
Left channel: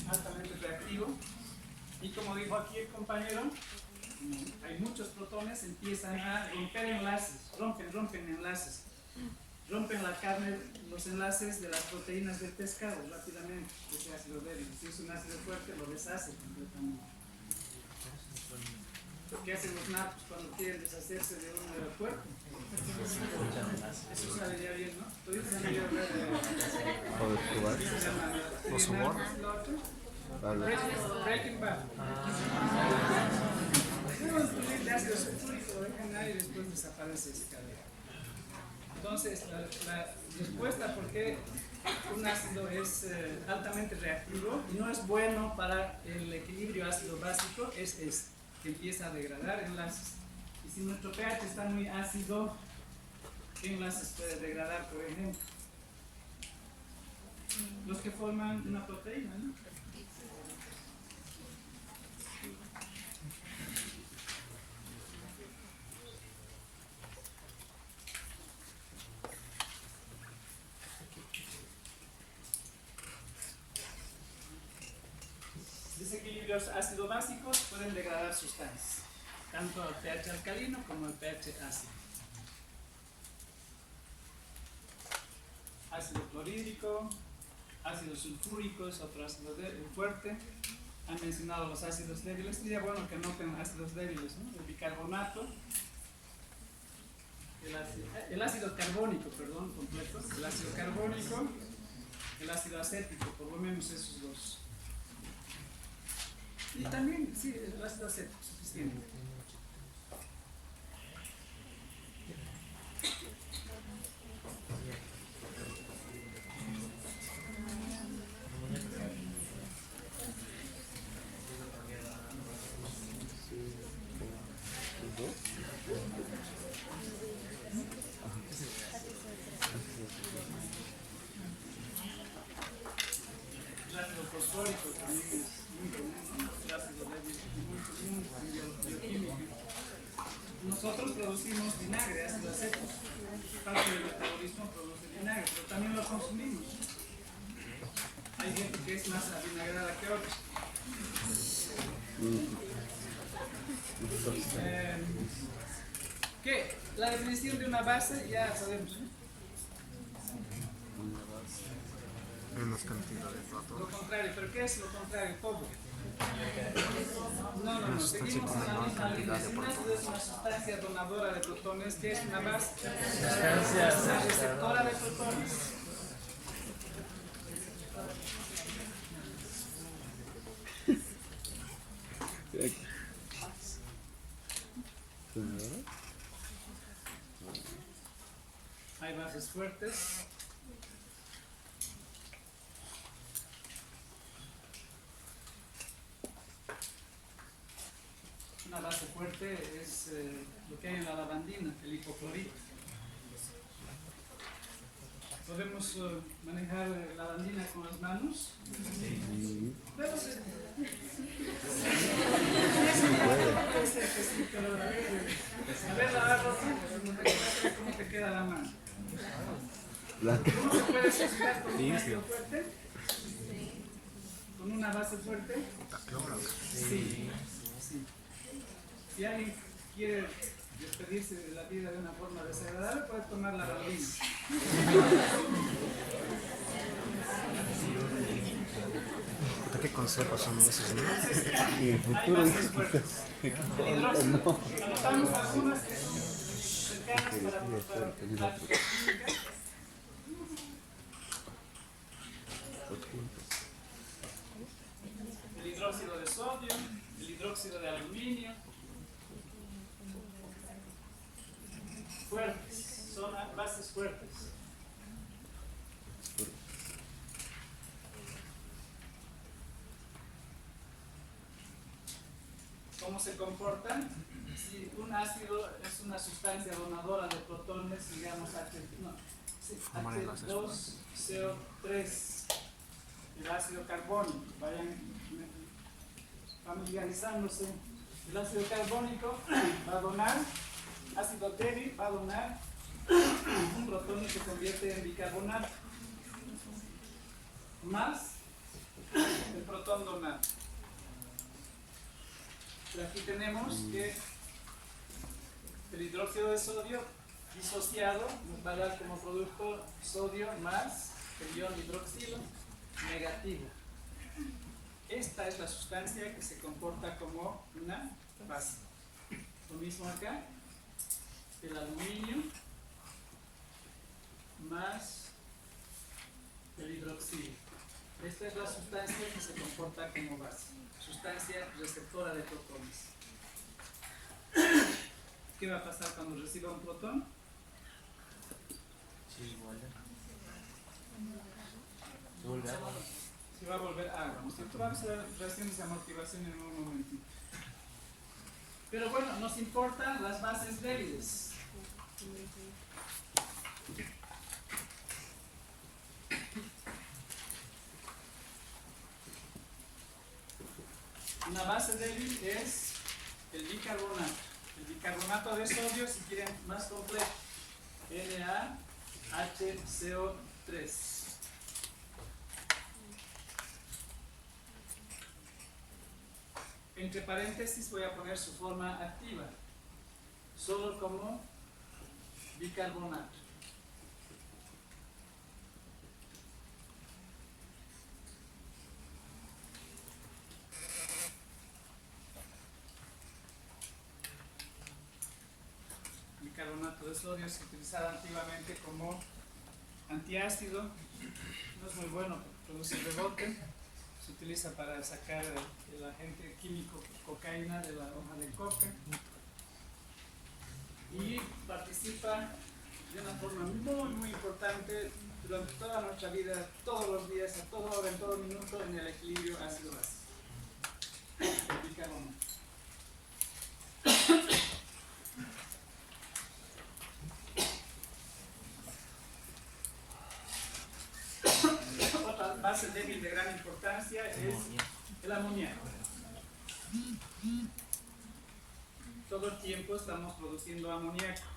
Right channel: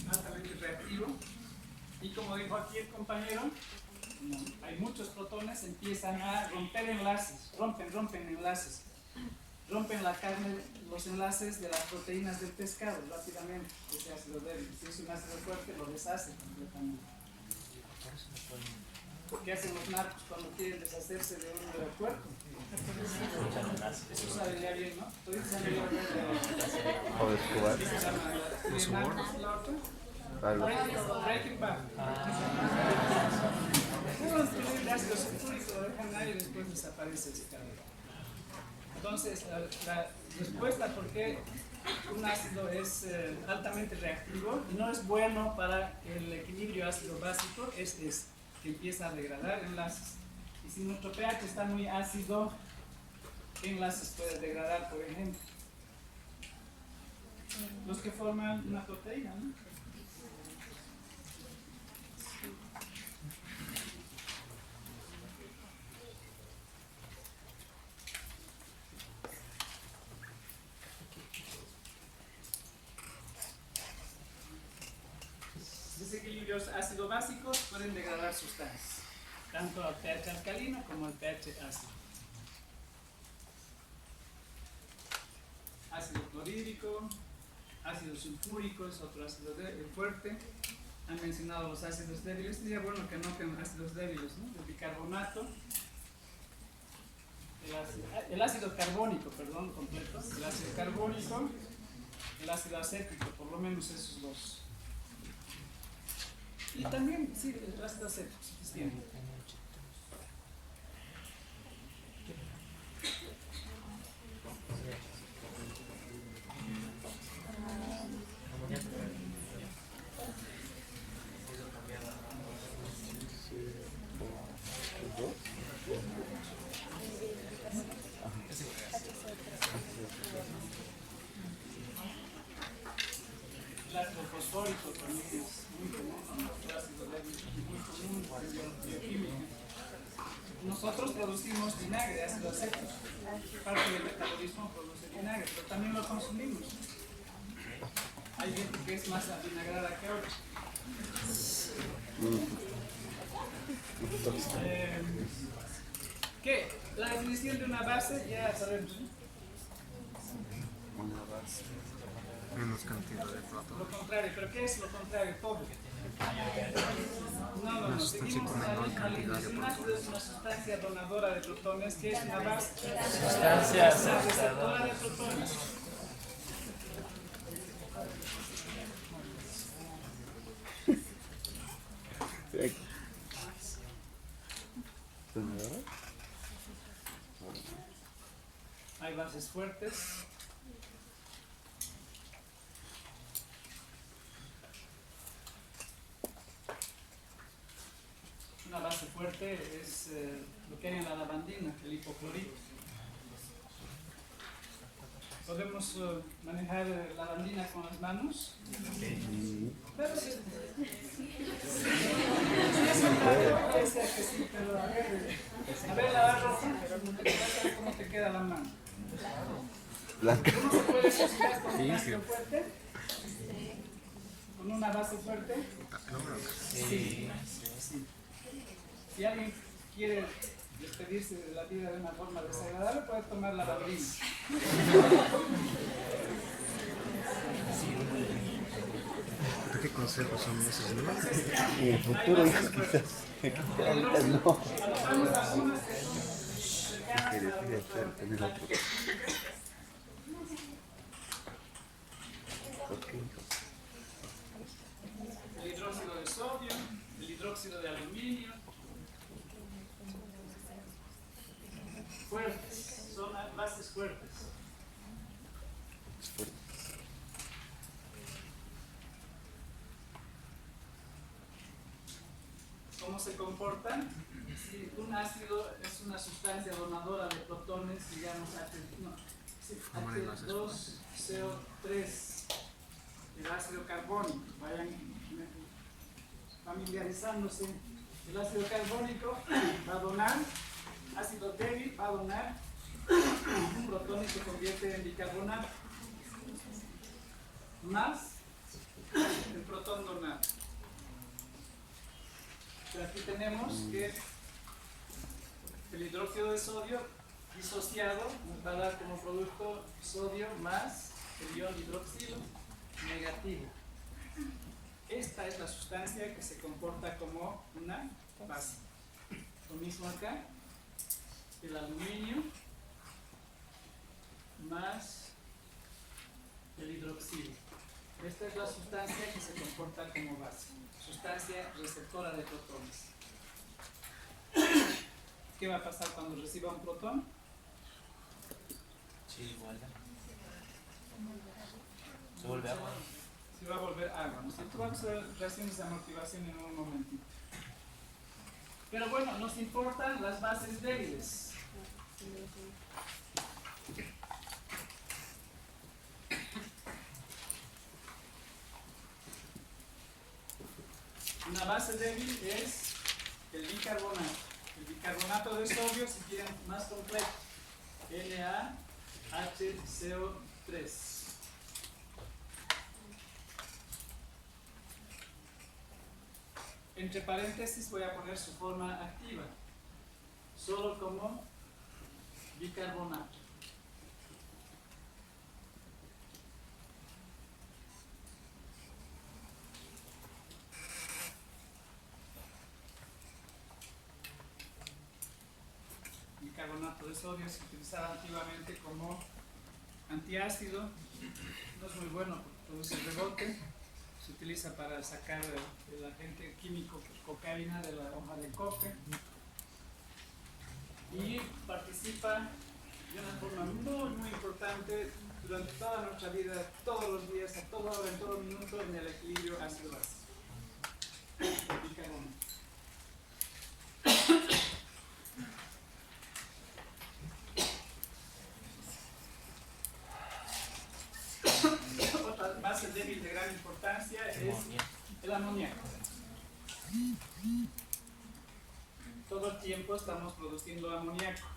Altamente reactivo. Y como dijo aquí el compañero, como hay muchos protones, empiezan a romper enlaces, rompen enlaces. Rompen la carne, los enlaces de las proteínas del pescado rápidamente, ese ácido débil. Si es un ácido fuerte, lo deshace completamente. ¿Qué hacen los narcos cuando quieren deshacerse de un cuerpo? Eso sale ya bien, ¿no? ¿Todavía se han oído hablar de Los sobornos. Breaking Bad. Deben subir de ácido sulfúrico, lo dejan ahí y después desaparece ese cabello. Entonces, la respuesta por qué un ácido es altamente reactivo y no es bueno para el equilibrio ácido-básico es que empieza a degradar enlaces. Y si nuestro pH está muy ácido, ¿qué enlaces puede degradar, por ejemplo? Los que forman una proteína, ¿no? Desequilibrios ácido-básicos pueden degradar sustancias, tanto al pH alcalino como al pH ácido. Ácido clorhídrico, ácido sulfúrico es otro ácido fuerte. Han mencionado los ácidos débiles. Sería bueno que noten ácidos débiles, ¿no? El bicarbonato, el ácido carbónico, perdón, completo. El ácido carbónico, el ácido acético, por lo menos esos dos. Y también, sí, el ácido acético, suficiente. El ácido fosfórico también es muy común, ¿no? El ácido débil es muy común en bioquímica. Nosotros producimos vinagre, ácido acético. Parte del metabolismo produce vinagre, pero también lo consumimos. Hay gente que es más avinagrada que otros. ¿Qué? La definición de una base ya sabemos, ¿no? Menos cantidad de Lo protones. contrario, ¿pero qué es lo contrario? Todo. No, Una sustancia seguimos con en la menor misma cantidad línea. de Si un ácido es una sustancia donadora de protones, ¿qué es una base? Sustancia Es una receptora de protones. Hay bases fuertes. Una base fuerte es lo que hay en la lavandina, el hipoclorito. ¿Podemos manejar lavandina con las manos? Pero sí. Sí, pero a ver, lavar ropa, ¿cómo te queda la mano? Blanca. ¿Cómo se puede asociar con una base Limpio. fuerte? ¿Con una base fuerte? Sí. Sí. Si alguien quiere despedirse de la vida de una forma desagradable, puede tomar la lavandina. ¿Qué consejos son esos, no? Hay bases fuertes. El hidróxido. Anotamos algunas que son cercanas para nuestra práctica química. El hidróxido de sodio, el hidróxido de aluminio. Fuertes, son bases fuertes. ¿Cómo se comportan? Si un ácido es una sustancia donadora de protones, digamos H2CO3, el ácido carbónico, vayan familiarizándose. El ácido carbónico va a donar, ácido débil va a donar un protón y se convierte en bicarbonato, más el protón donado. Pero aquí tenemos que el hidróxido de sodio disociado nos va a dar como producto sodio más el ion hidroxilo negativo. Esta es la sustancia que se comporta como una base. Lo mismo acá, el aluminio más el hidroxilo. Esta es la sustancia que se comporta como base, sustancia receptora de protones. ¿Qué va a pasar cuando reciba un protón? Sí, igual. Se vuelve agua. Se va a volver agua, ¿no es cierto? Vamos a ver reacciones de amortiguación en un momentito. Pero bueno, nos importan las bases débiles. Una base débil es el bicarbonato. El bicarbonato de sodio, si quieren más completo, NaHCO3. Entre paréntesis voy a poner su forma activa, solo como bicarbonato. Bicarbonato de sodio se utilizaba antiguamente como antiácido, no es muy bueno porque produce rebote. Se utiliza para sacar el agente químico cocaína de la hoja de coca y participa de una forma muy importante durante toda nuestra vida, todos los días, a toda hora, en todo minuto, en el equilibrio ácido-base. El bicarbonato. Otra base débil de gran importancia es el amoníaco. Todo el tiempo estamos produciendo amoníaco.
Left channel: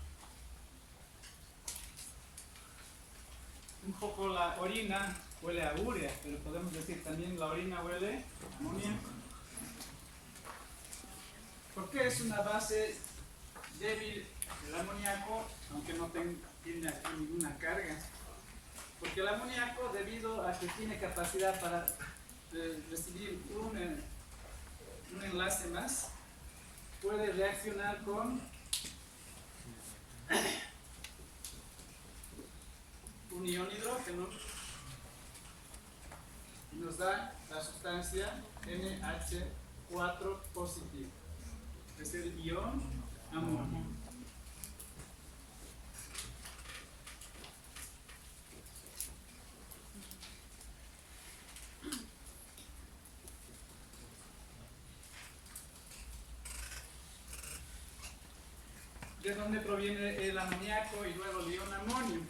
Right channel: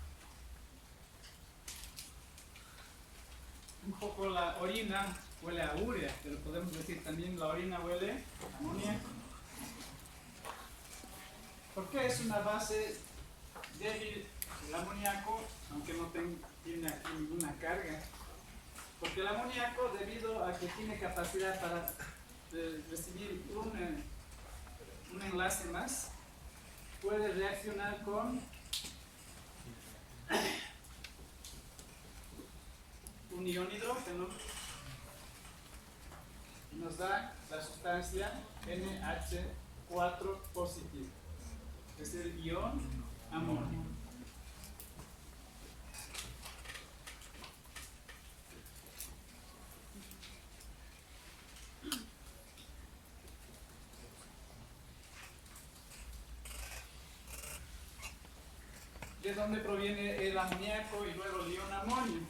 Un poco la orina huele a urea, pero podemos decir también la orina huele a amoníaco. ¿Por qué es una base débil el amoníaco, aunque no tiene aquí ninguna carga? Porque el amoníaco, debido a que tiene capacidad para recibir un enlace más, puede reaccionar con un ion hidrógeno y nos da la sustancia NH4 positivo, es el ion amonio. ¿De dónde proviene el amoníaco y luego el ion amonio?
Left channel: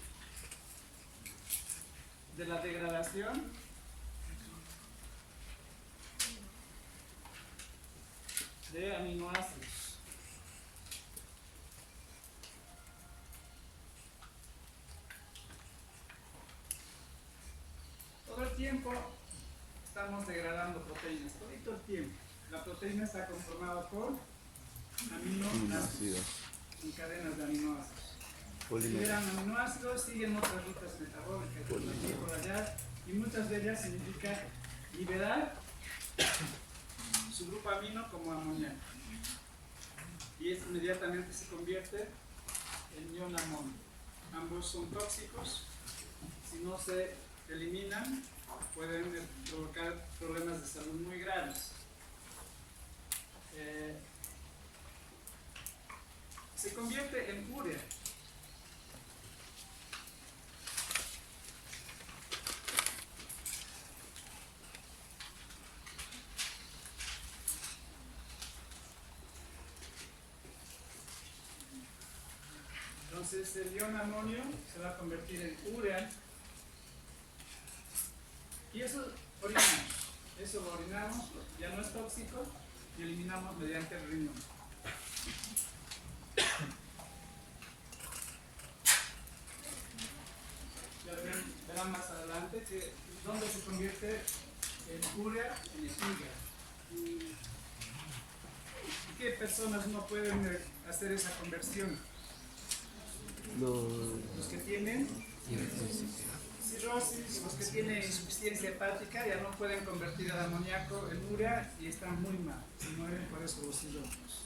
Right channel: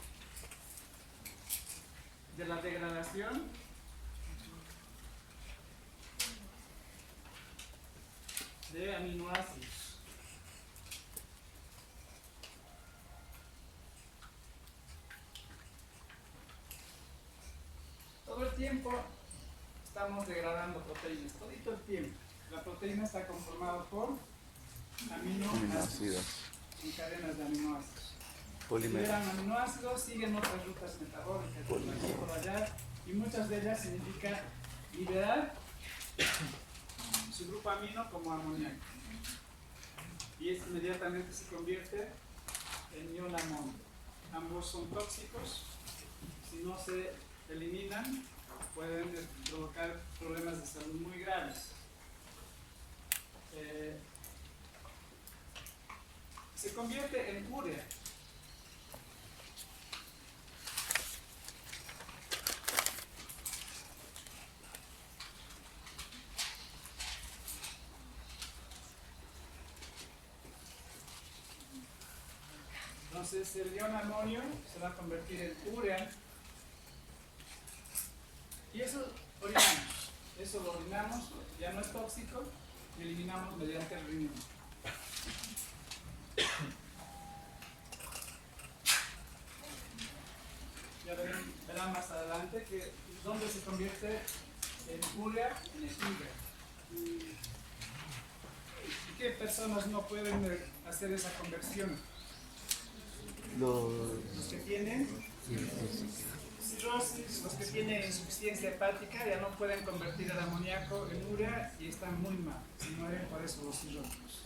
De la degradación de aminoácidos. Todo el tiempo estamos degradando proteínas, todo el tiempo. La proteína está conformada por aminoácidos y cadenas de aminoácidos. Liberan aminoácidos, siguen otras rutas metabólicas por aquí y por allá, y muchas de ellas significa liberar su grupo amino como amoníaco. Y esto inmediatamente se convierte en ion amonio. Ambos son tóxicos, si no se eliminan pueden provocar problemas de salud muy graves. Se convierte en urea. Entonces el ion amonio se va a convertir en urea y eso lo orinamos, ya no es tóxico y eliminamos mediante el riñón. Ya verán más adelante que donde se convierte en urea, en el hígado. ¿Qué personas no pueden hacer esa conversión? Los que tienen cirrosis, los que tienen insuficiencia hepática ya no pueden convertir el amoníaco en urea y están muy mal, se mueren por eso los cirróticos.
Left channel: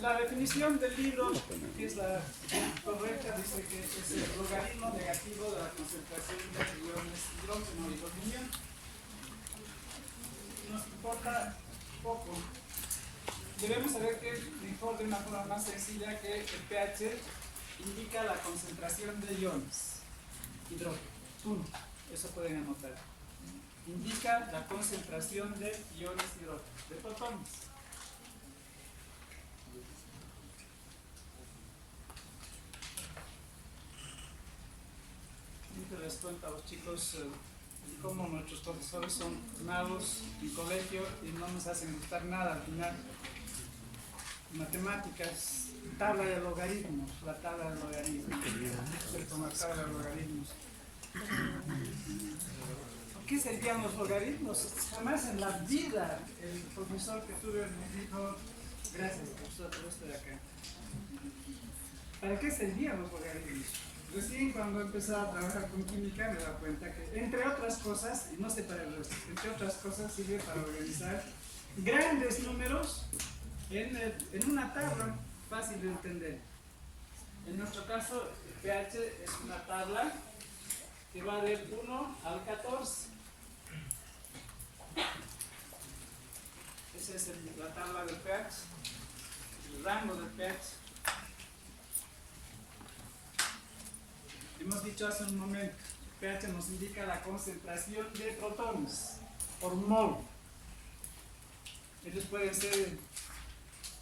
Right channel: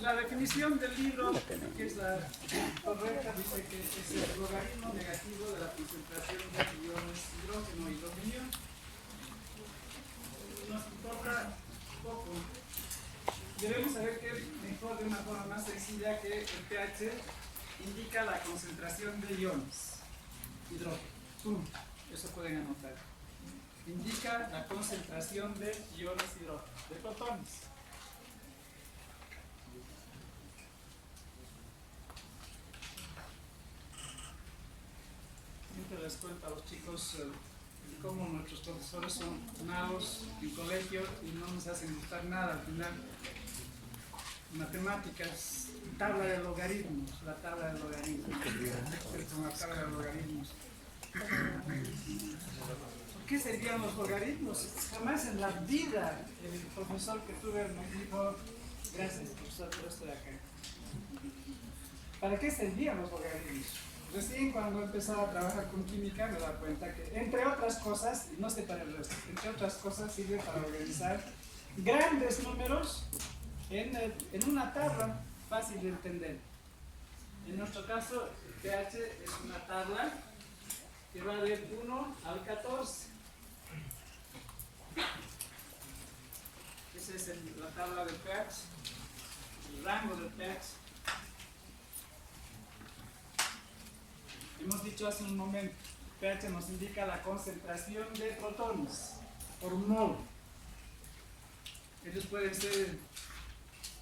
La definición del libro, que es la correcta, dice que es el logaritmo negativo de la concentración de iones hidrógeno y aluminio. Nos importa poco. Debemos saber que mejor de una forma más sencilla que el pH indica la concentración de iones hidrógeno. Eso pueden anotar. Indica la concentración de iones hidrógeno, de protones. Siempre les cuento a los chicos cómo nuestros profesores son malos en colegio y no nos hacen gustar nada al final. Matemáticas, tabla de logaritmos, la tabla de logaritmos. Con la tabla de logaritmos. ¿Por qué servían los logaritmos? Jamás en la vida el profesor que tuve me dijo, gracias profesor, pero estoy acá. ¿Para qué servían los logaritmos? Recién cuando empezaba a trabajar con química me daba cuenta que, entre otras cosas, y no sé para el resto, entre otras cosas sirve para organizar grandes números en una tabla fácil de entender. En nuestro caso, el pH es una tabla que va del 1 al 14. Esa es la tabla del pH, el rango del pH. Hemos dicho hace un momento, pH nos indica la concentración de protones por mol. Ellos pueden ser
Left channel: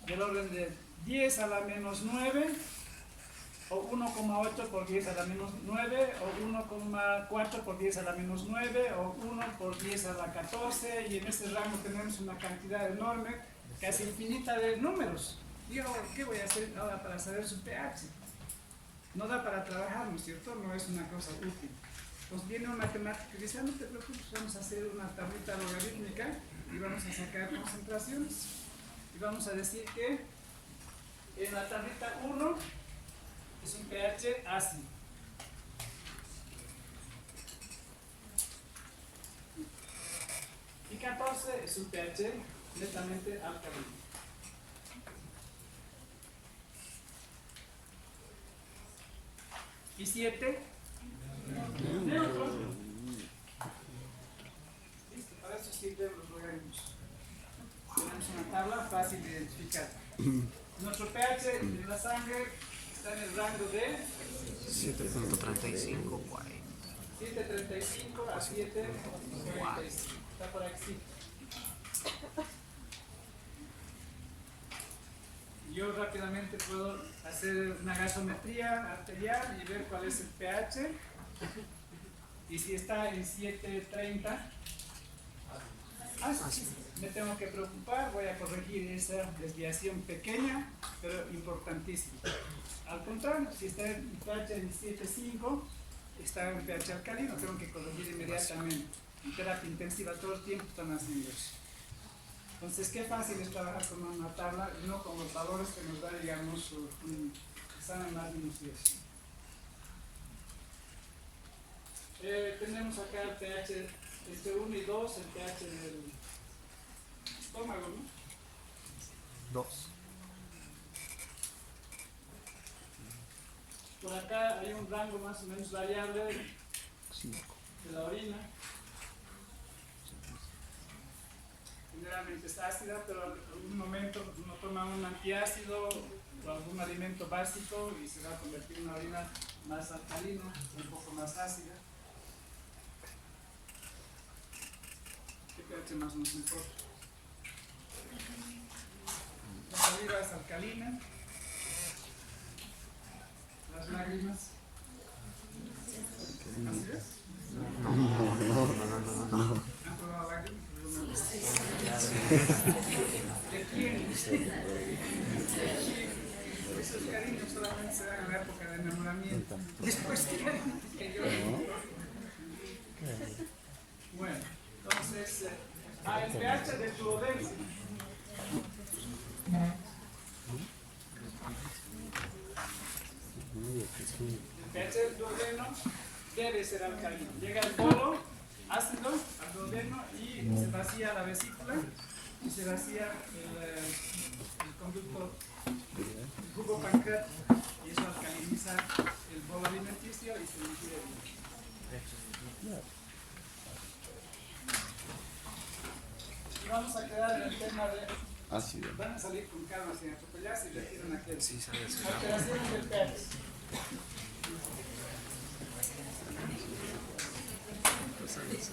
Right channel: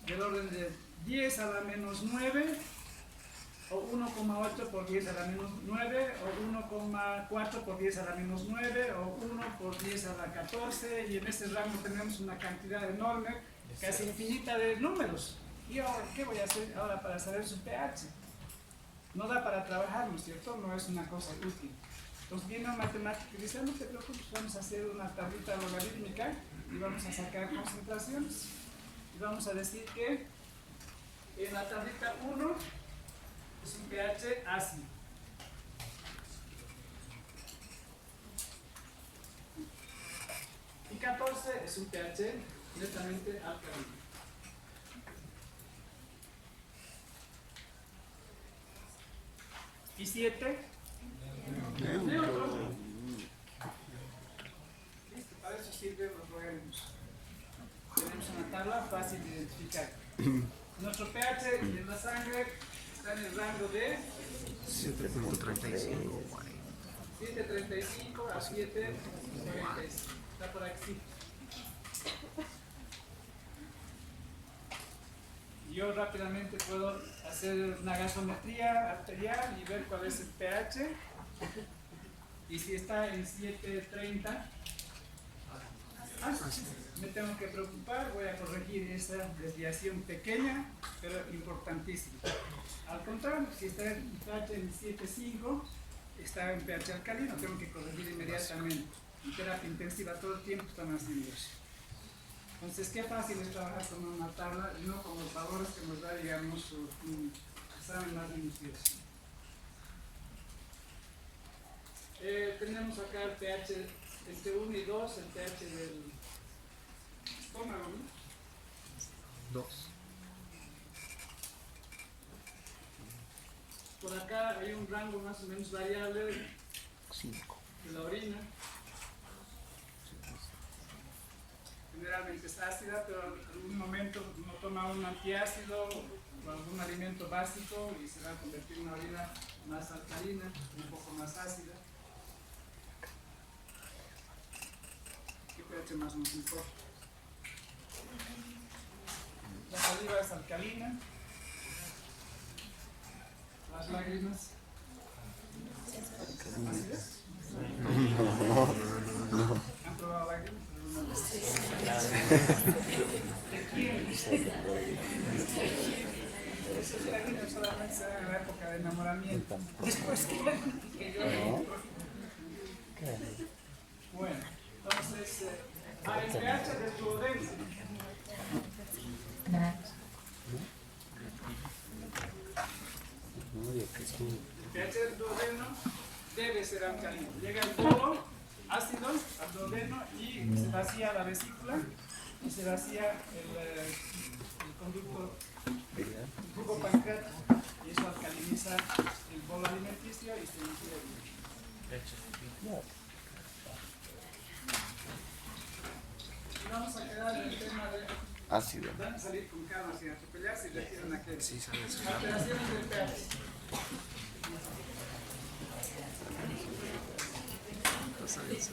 del orden de 10 a la menos 9, o 1,8 por 10 a la menos 9, o 1,4 por 10 a la menos 9, o 1 por 10 a la 14, y en este rango tenemos una cantidad enorme. casi infinita de números. ¿Y ahora qué voy a hacer ahora para saber su pH? No da para trabajar, ¿no es cierto? No es una cosa útil. Entonces viene un matemático y dice, no te preocupes, vamos a hacer una tablita logarítmica y vamos a sacar concentraciones. Y vamos a decir que en la tablita 1 es un pH ácido. Y 14 es un pH netamente alcalino. Y 7, neutro. Listo, para eso sirven los logaritmos. Tenemos una tabla fácil de identificar. Nuestro pH en la sangre está en el rango de 7.35, 7.35 a 7.45. Está por aquí. Yo rápidamente puedo hacer una gasometría arterial y ver cuál es el pH. Y si está en 7.30, me tengo que preocupar, voy a corregir esa desviación pequeña, pero importantísima. Al contrario, si está en pH en 7.5, está en pH alcalino, tengo que corregir inmediatamente. En terapia intensiva todo el tiempo están haciendo eso. Entonces, qué fácil es trabajar con una tabla, no con los valores que nos da, digamos, un examen más minucioso. Tenemos acá el pH entre 1 y 2, el pH del estómago, ¿no? 2. Por acá hay un rango más o menos variable de la orina. Generalmente es ácida, pero en algún momento uno toma un antiácido o algún alimento básico y se va a convertir en una orina más alcalina, un poco más ácida. ¿Qué pH más nos importa? La saliva es alcalina. Las lágrimas. ¿Así es? No. ¿Han probado lágrimas alguna vez? ¿De quién? Esos cariños solamente se dan en la época de enamoramiento. Después que yo. Bueno, entonces, el pH del duodeno. El pH del duodeno debe ser alcalino. Llega el bolo ácido al duodeno y se vacía la vesícula y se vacía el conducto, el jugo pancreático, y eso alcaliniza el bolo alimenticio y se ingiere bien. Y vamos a quedar en el tema de Ácido. van a salir con calma sin atropellarse y deciden aquel. Sí, sale así. Alteraciones del pH. Sale así.